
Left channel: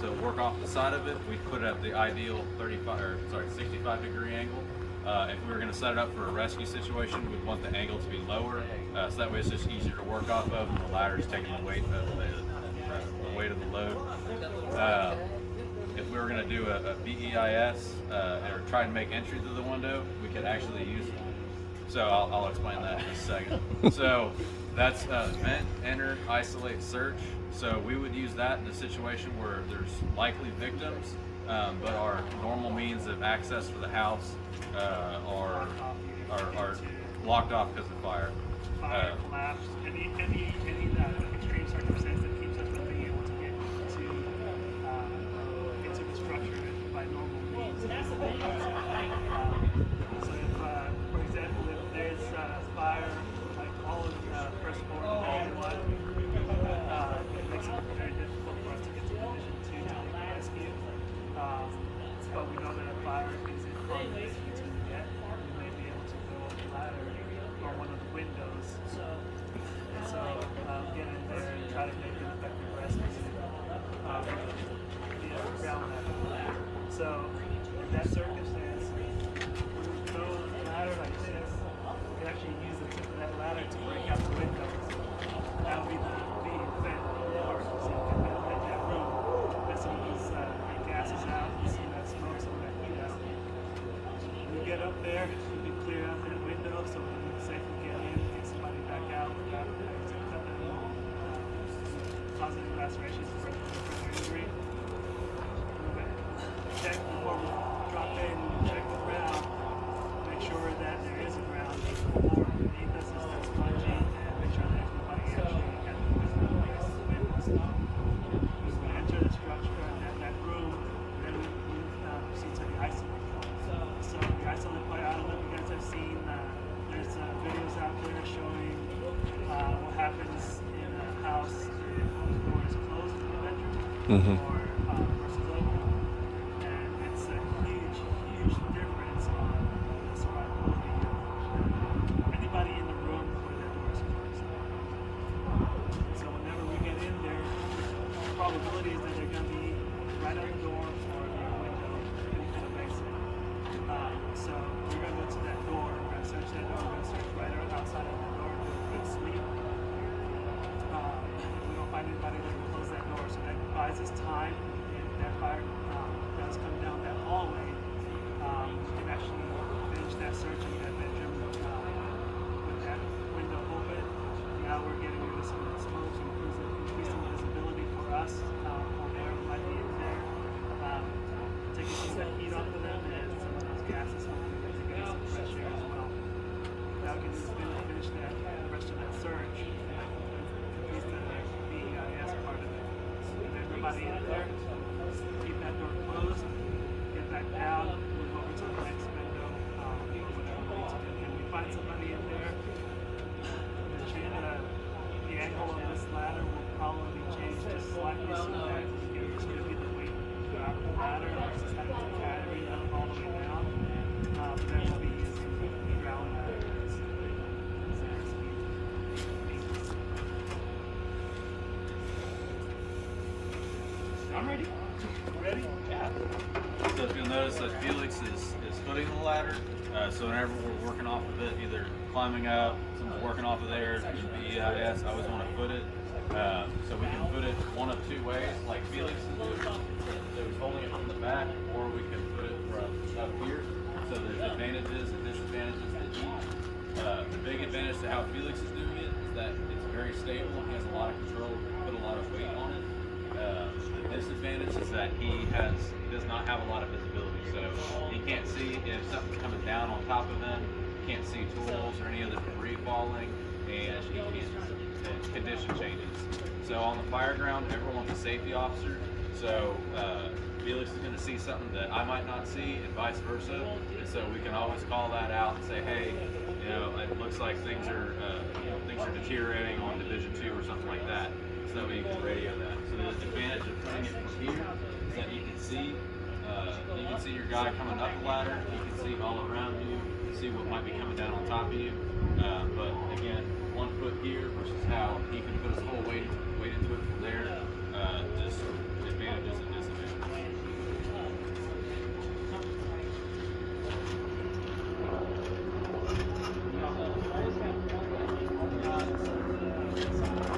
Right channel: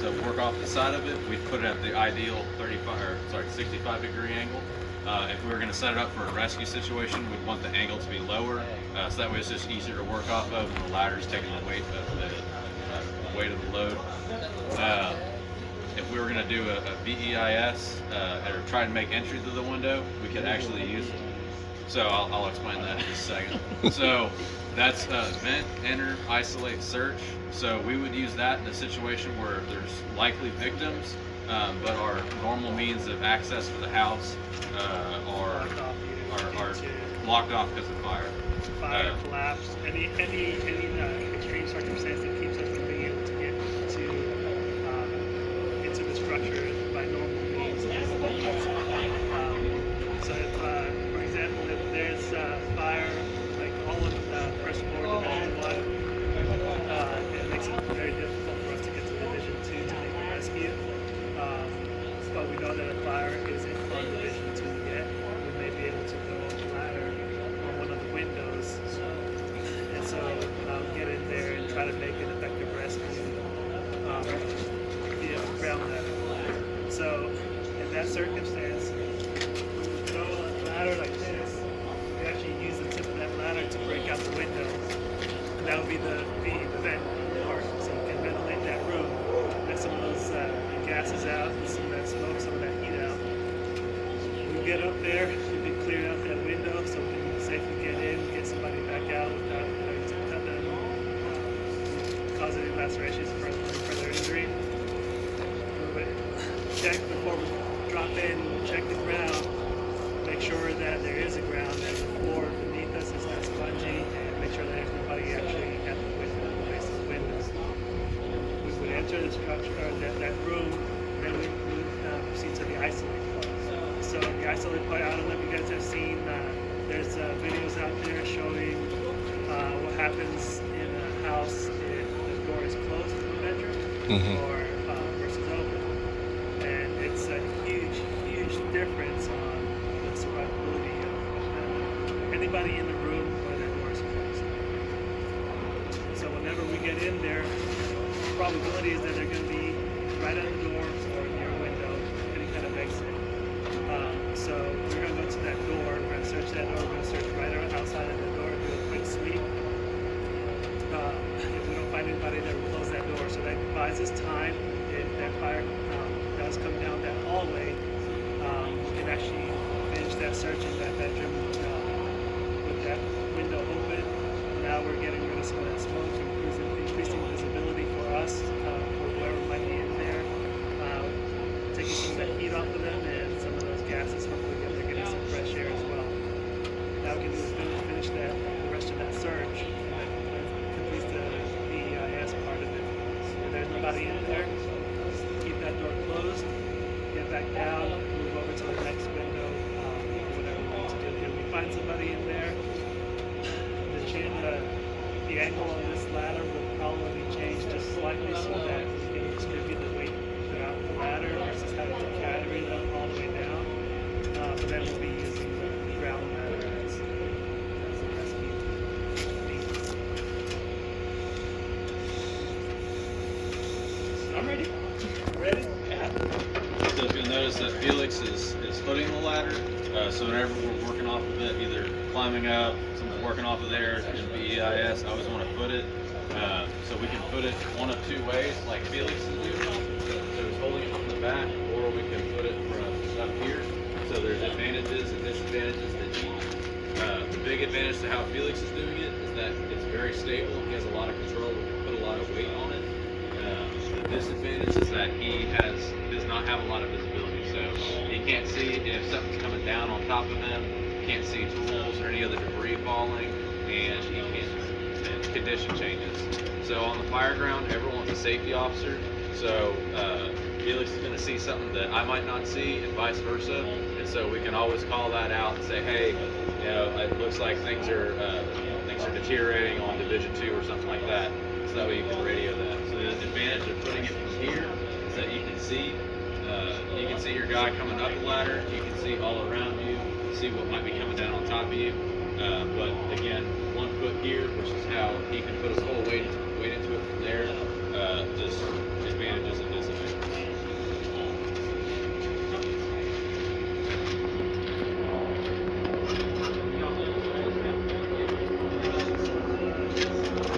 to work off the side of it, we'd put it at the ideal 65 degree angle. If we were going to set it up for a rescue situation, we'd want the angle to be lower, so that way it's just easier to work off of, and the ladder's taking the weight of the load. If we were going to do a VEIS or try and make entry to the window, we could actually use it. So I'll explain that in a second. So that's vent, enter, isolate, search. So we would use that in a situation where there's likely victims, but our normal means of access to the house are locked off because of fire. Fire, collapse, any extreme circumstance that keeps us from being able to get into the structure by normal means. So if, for example, if there's fire, like all of the first floor division 1, it makes it very difficult for us to get to division 2 to make a rescue. But we know that a fire isn't on division 2 yet. We may be able to go on the ladder on one of the windows, and so get in there and try to make an effective rescue via ground level. So in that circumstance, go on a ladder like this, we actually use the tip of that ladder to break out the window. That would be the vent door, so you can ventilate that room. That's some of there, you can clear out that window so we can safely get in, get somebody back out without having to cut them, cause any lacerations for further injury. But check before we drop in, check the ground, make sure that there is a ground, that the floor beneath us is not spongy, and make sure that everybody actually has the basic windows. We would enter the structure, that room, and then we would proceed to the isolate. So the isolate part, I don't know if you guys have seen, there's videos out there showing what happens in a house if the door is closed to the bedroom or versus open. And it's a huge, huge difference on the survivability of anybody in the room when their door is closed. So whenever we get in there, the probability is that they're going to be right on the door or near a window, any kind of exit. So we're going to go to that door, we're going to search that door, we're going to search right outside the door, do a quick sweep. If we don't find anybody there, we'll close that door. So that buys us time. If that fire does come down that hallway, we can actually finish that search in that bedroom with that window open. Now we're getting rid of some of that smoke, increasing visibility for us, whoever might be in there, taking some of that heat off of them and some of those gases, hopefully they're getting some fresh air as well. Now we can finish the rest of that search. Completes the EIS part of it. If there's nobody in there, keep that door closed, get back down, move over to the next window, whatever we need to do. If we find somebody in there, the angle on this ladder will probably change just slightly so that we can distribute the weight throughout the ladder versus having to carry it up all the way down. But then we'll be using the ground ladder as means. I'm ready. Ready? Yeah. So if you'll notice that Felix is footing the ladder, so whenever we're working off of it, either climbing up, someone's working off of there, in BEIS, I always want to foot it. So we can put it one of two ways, like Felix is doing. So he's holding it from the back, or we can put it from up here. So there's advantages and disadvantages to each. The big advantage to how Felix is doing it is that it's very stable. He has a lot of control, put a lot of weight on it. The disadvantage is that he does not have a lot of visibility, so he can't see if something's coming down on top of him, can't see tools or any other debris falling, and he can't. Condition changes. So on the fire ground, everyone's a safety officer, so Felix is going to see something that I might not see, and vice versa, and so we can always call that out and say, hey, you know, it looks like things are deteriorating on Division 2 or something like that. So that way you can radio that. So the advantage of putting it from here is that you can see your guy coming up the ladder, you can see all around you, see what might be coming down on top of you. But again, 1 foot here, which is how he can put his whole weight into it from there. Just advantages and disadvantages.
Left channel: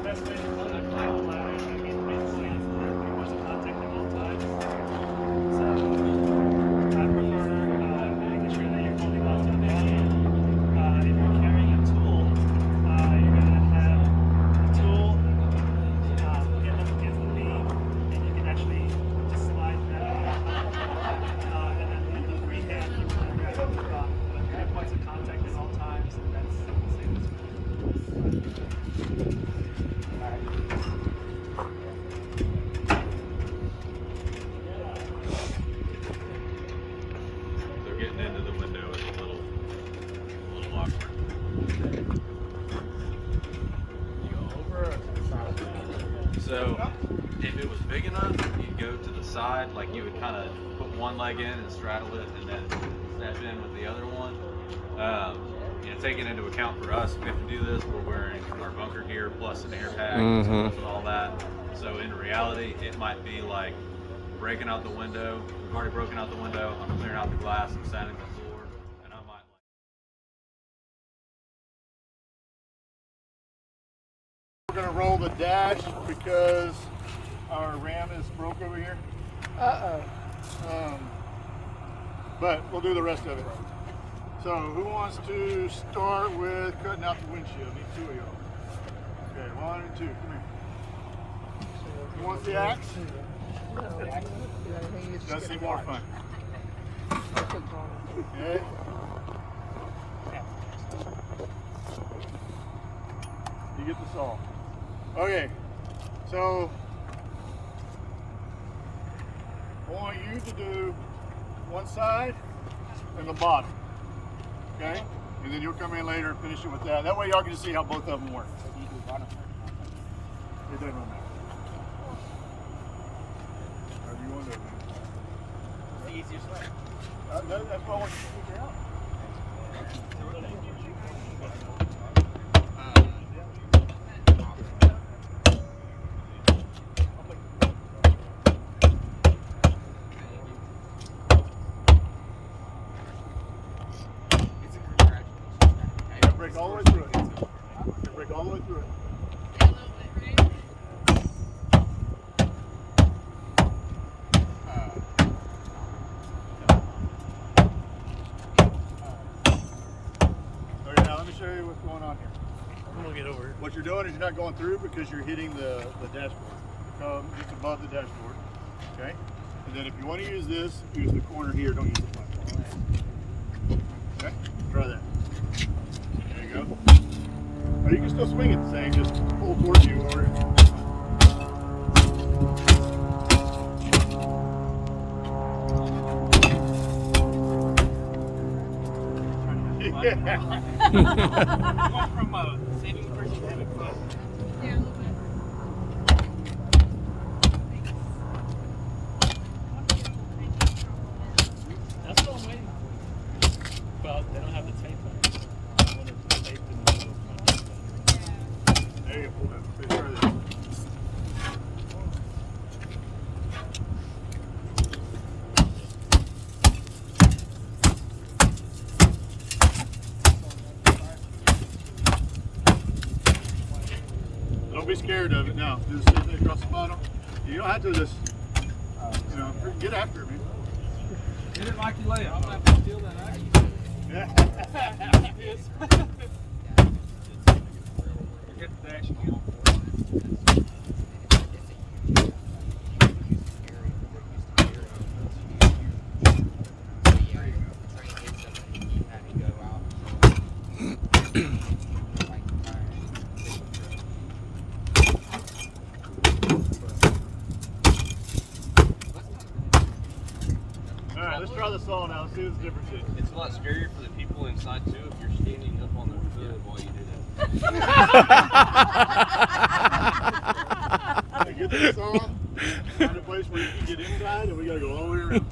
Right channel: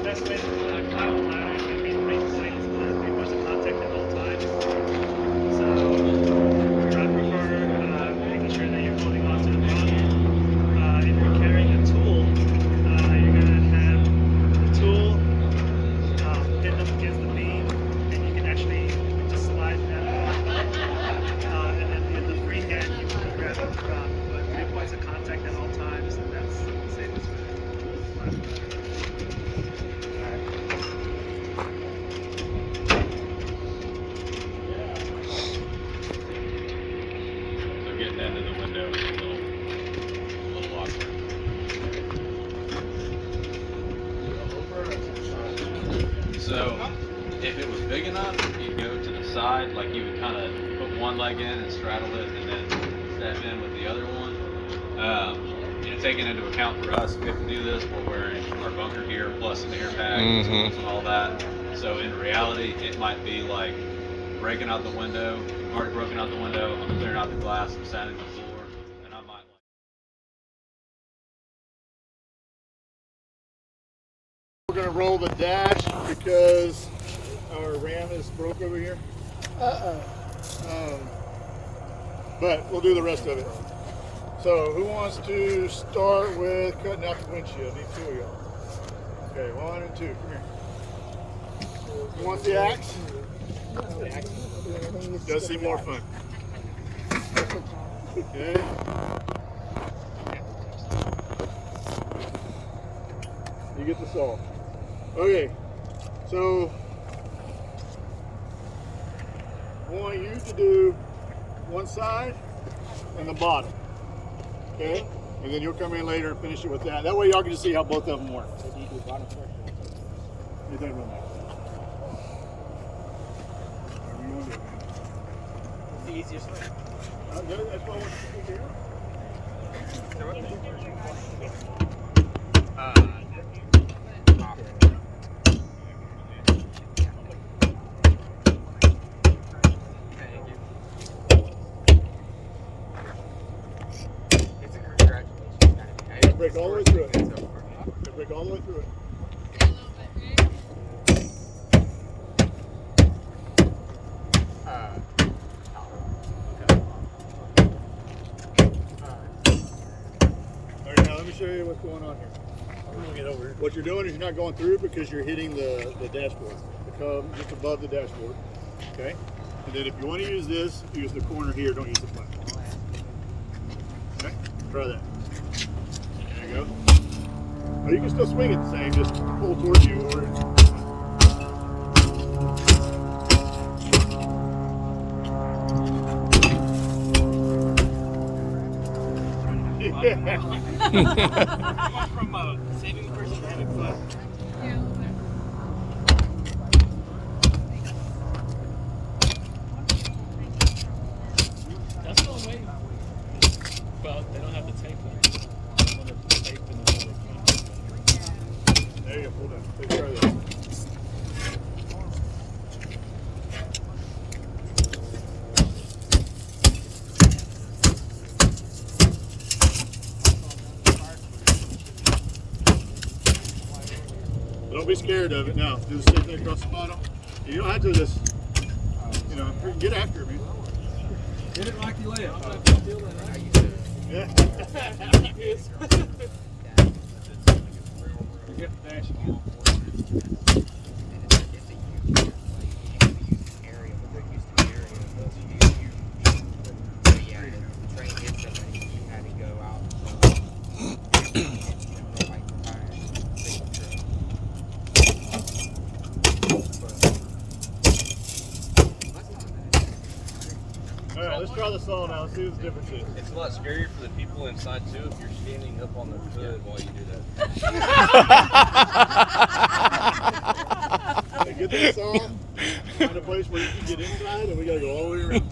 Best way to climb the ladder is maybe the main point is to be points of contact at all times. So I prefer making sure that you're holding on to the rod. If you're carrying a tool, you're going to have the tool pinned up against the beam, and you can actually just slide that out. And then in the free hand, you can grab up the rod. But 3 points of contact at all times, and that's the same as So getting into the window is a little awkward. So if it was big enough, you'd go to the side, like you would kind of put one leg in and straddle it and then step in with the other one. You know, taking into account for us, we have to do this, we're wearing our bunker gear plus an air pack, tools and all that. So in reality, it might be like breaking out the window. I've already broken out the window, I'm clearing out the glass, I'm sanding the floor, and I might We're gonna roll the dash because our ram is broke over here. But we'll do the rest of it. So who wants to start with cutting out the windshield? Need two of y'all. Okay, 1 and 2. Come here. Who wants the axe? Does seem more fun. Okay. You get the saw. Okay. So I want you to do one side and the bottom. Okay? And then you'll come in later and finish it with that. That way y'all can just see how both of them work. You do bottom first. You do it next. Whatever you want to do. The easiest way. That's what I want to figure out. Break all the way through it. Break all the way through it. Okay, now let me show you what's going on here. I'm gonna get over here. What you're doing is you're not going through because you're hitting the dashboard. Come just above the dashboard. Okay? And then if you want to use this, use the corner here, don't use the platform. Okay? Try that. There you go. Or you can still swing it the same, just pull towards you or From saving a person to having fun. That's the only way. Well, they don't have the tape on it. I want to tape in the middle. there you go, pull down. Take care of that. Don't be scared of it. No, just sit there across the bottom. You don't have to just, you know, get after it, man. Hit it like you lay it. Yeah. Get the dash again. All right, let's try the saw now. Let's see what the difference is. It's a lot scarier for the people inside too if you're standing up on the hood while you do that. Okay, get this saw. Find a place where you can get inside, and we gotta go all the way around.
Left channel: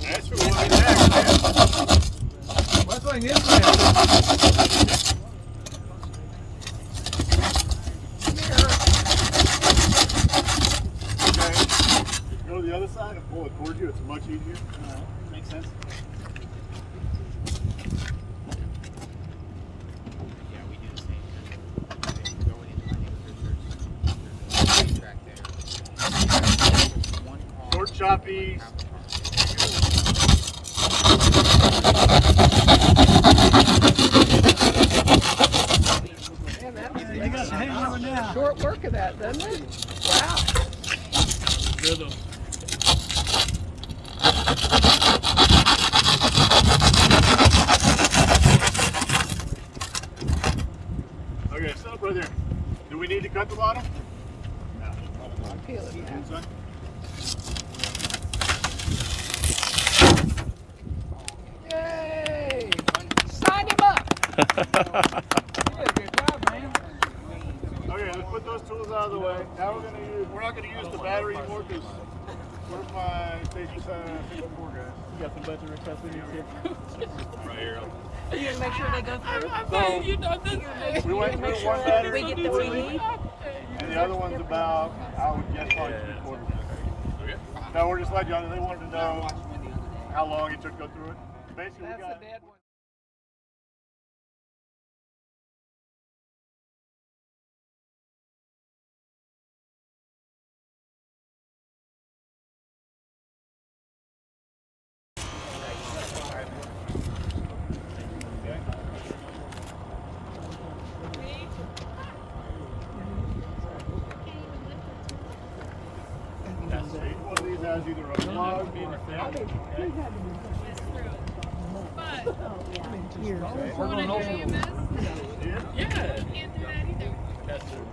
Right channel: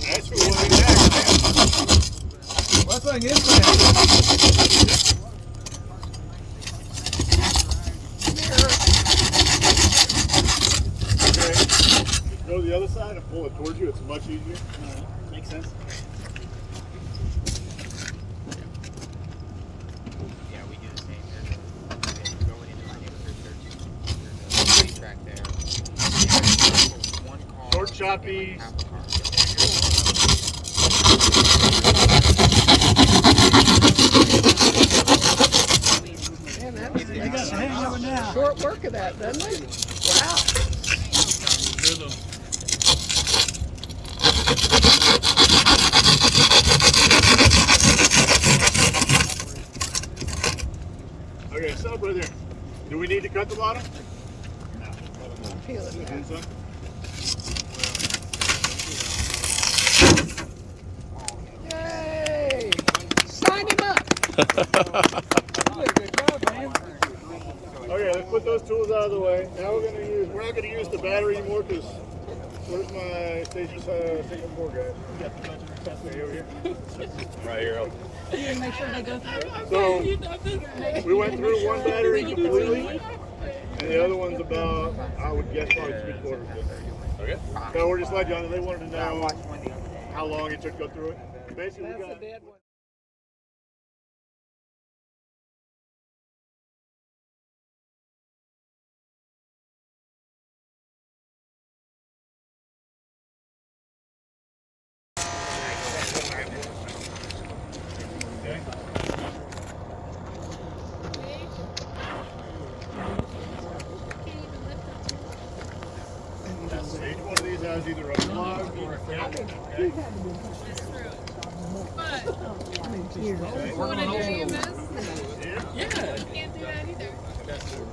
That's what we want to do. What's going in there? Go to the other side and pull it towards you. It's much easier. Makes sense. Yeah, we do the same here. Going into my neighborhood church, there's a racetrack there. One car. Short, choppy. They got your hand going now. Short work of that, doesn't it? Wow. Rhythm. Okay, stop right there. Do we need to cut the bottom? No. I'm feeling that. Inside? Yay! Sign him up! Okay, let's put those tools out of the way. Now we're not gonna use the battery anymore because where's my station 4 guy? You got the bunch of accessories here. Right here. You're gonna make sure they go through. So we went through one battery We get the we need. And the other one's about, I would guess, probably 3/4 foot. Okay. So we're just letting you know, they wanted to know how long it took to go through it. Basically, we got. Each one of these has either a plug or a cap.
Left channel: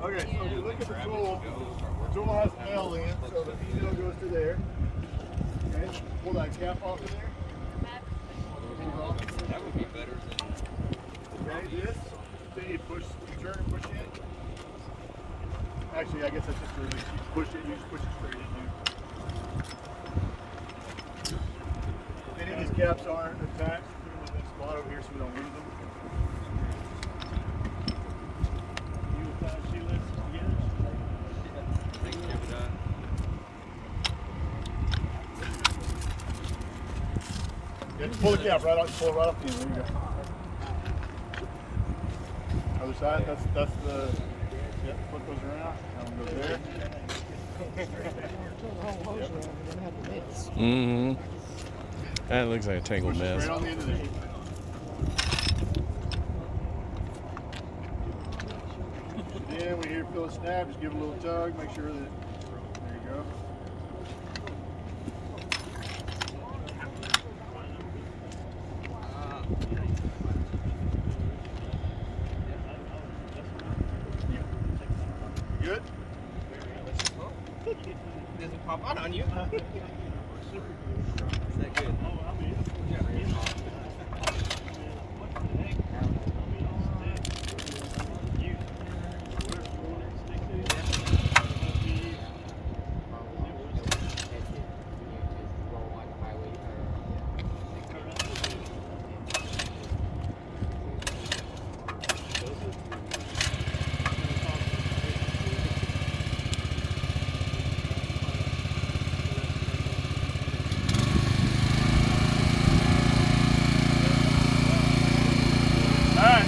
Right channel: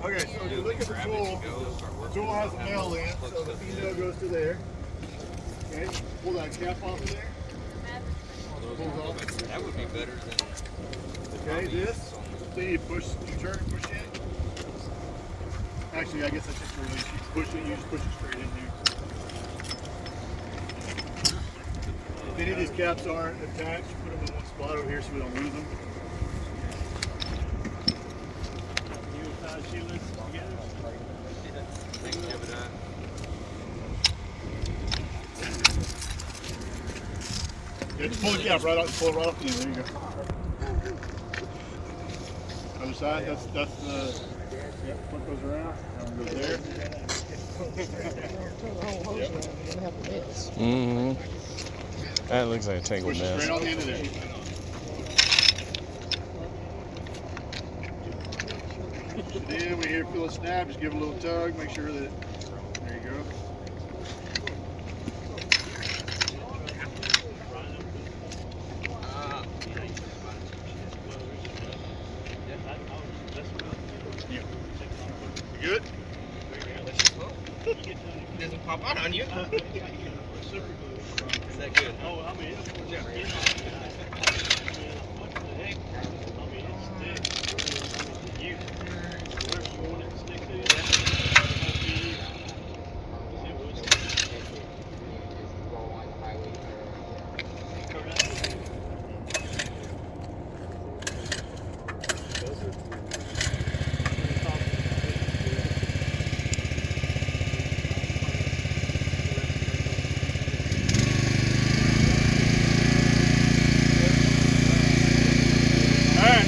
Okay, so if you look at the tool has a nail in it, so the nail goes to there. Okay, pull that cap off of there. That would be better than. Okay, this, then you push, you turn and push in. Actually, I guess that's just where you push it, you just push it straight in. If any of these caps aren't attached, put them in one spot over here so we don't lose them. Yeah, just pull the cap right out, pull it right off the end. There you go. Other side, that's the, yeah, put those around, and go there. Mm-hmm. That looks like a tangled Push it mess. straight on the end of there. Then we hear feel a snap, just give it a little tug, make sure that, there you go. You good? It doesn't pop out on you. Is that good? All right.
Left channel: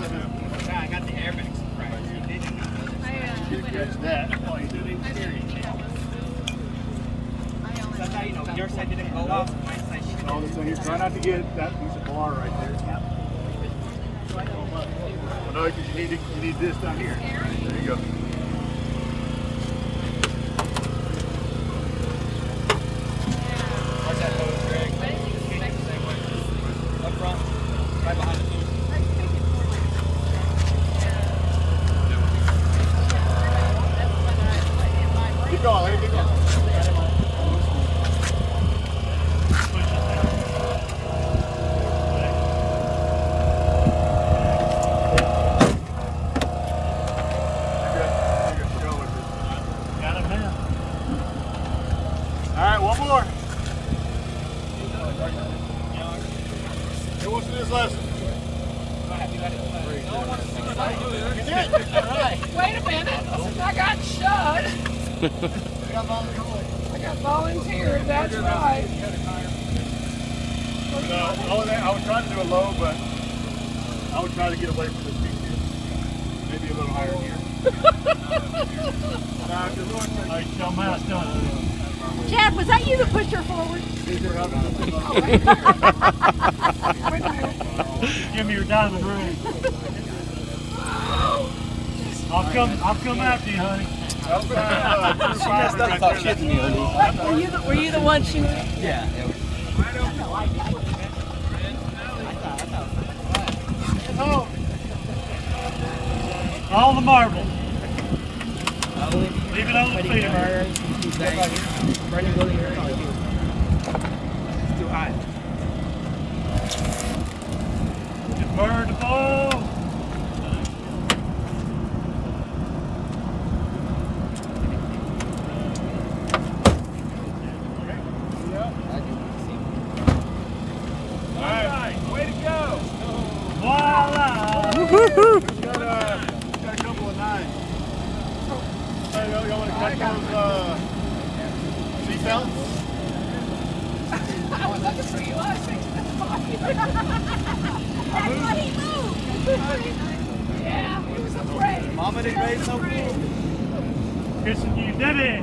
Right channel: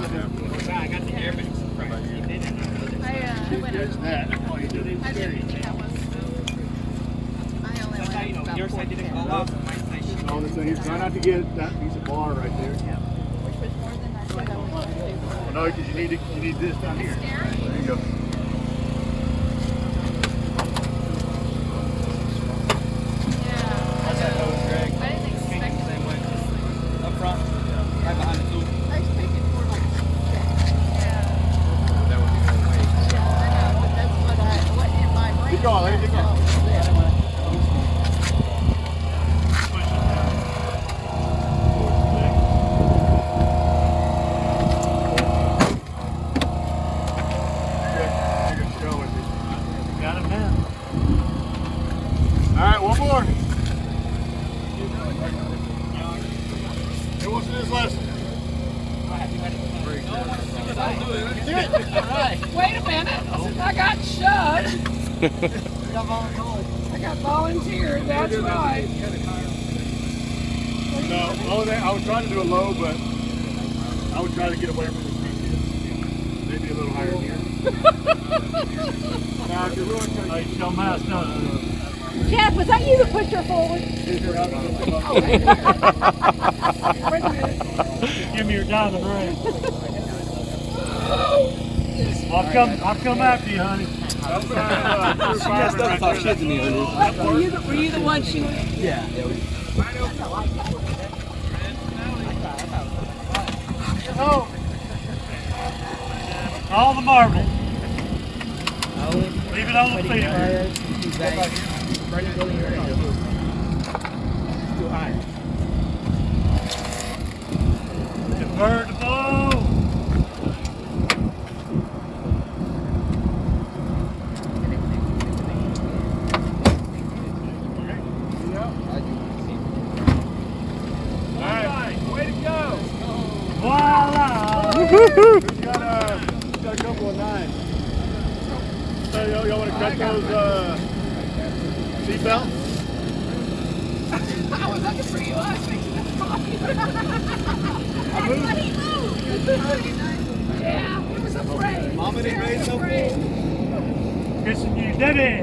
this is I got the airman surprise. He didn't know this. there's that. Oh, you did it scary. Your side didn't go up. No, this thing, try not to get that piece of bar right there. Well, no, because you need this down here. There you go. Watch that hose, Greg. Just kick it the same way. Up front. Right behind the tool. Keep going, let it keep going. Got him now. All right, one more. Who wants to do this lesson? Wait a minute. I got shot. I got volunteers. That's right. No, I was trying to do a low, but I would try to get away from this beat. Maybe a little higher here. Now, if you're really Hey, show my done. Chad, was that you that pushed her forward? Give me your diamond ring. I'll come after you, honey. Were you the one she was? Yeah. Oh. All the marble. Leave it on the field. Too high. Bird the ball. way to go. Voila. Got a couple of nines. So y'all want to cut those seatbelts? I was looking for you. I was fixing that I thought he moved. Yeah, he was afraid. Mama didn't raise no fool. Kissing you, Debbie.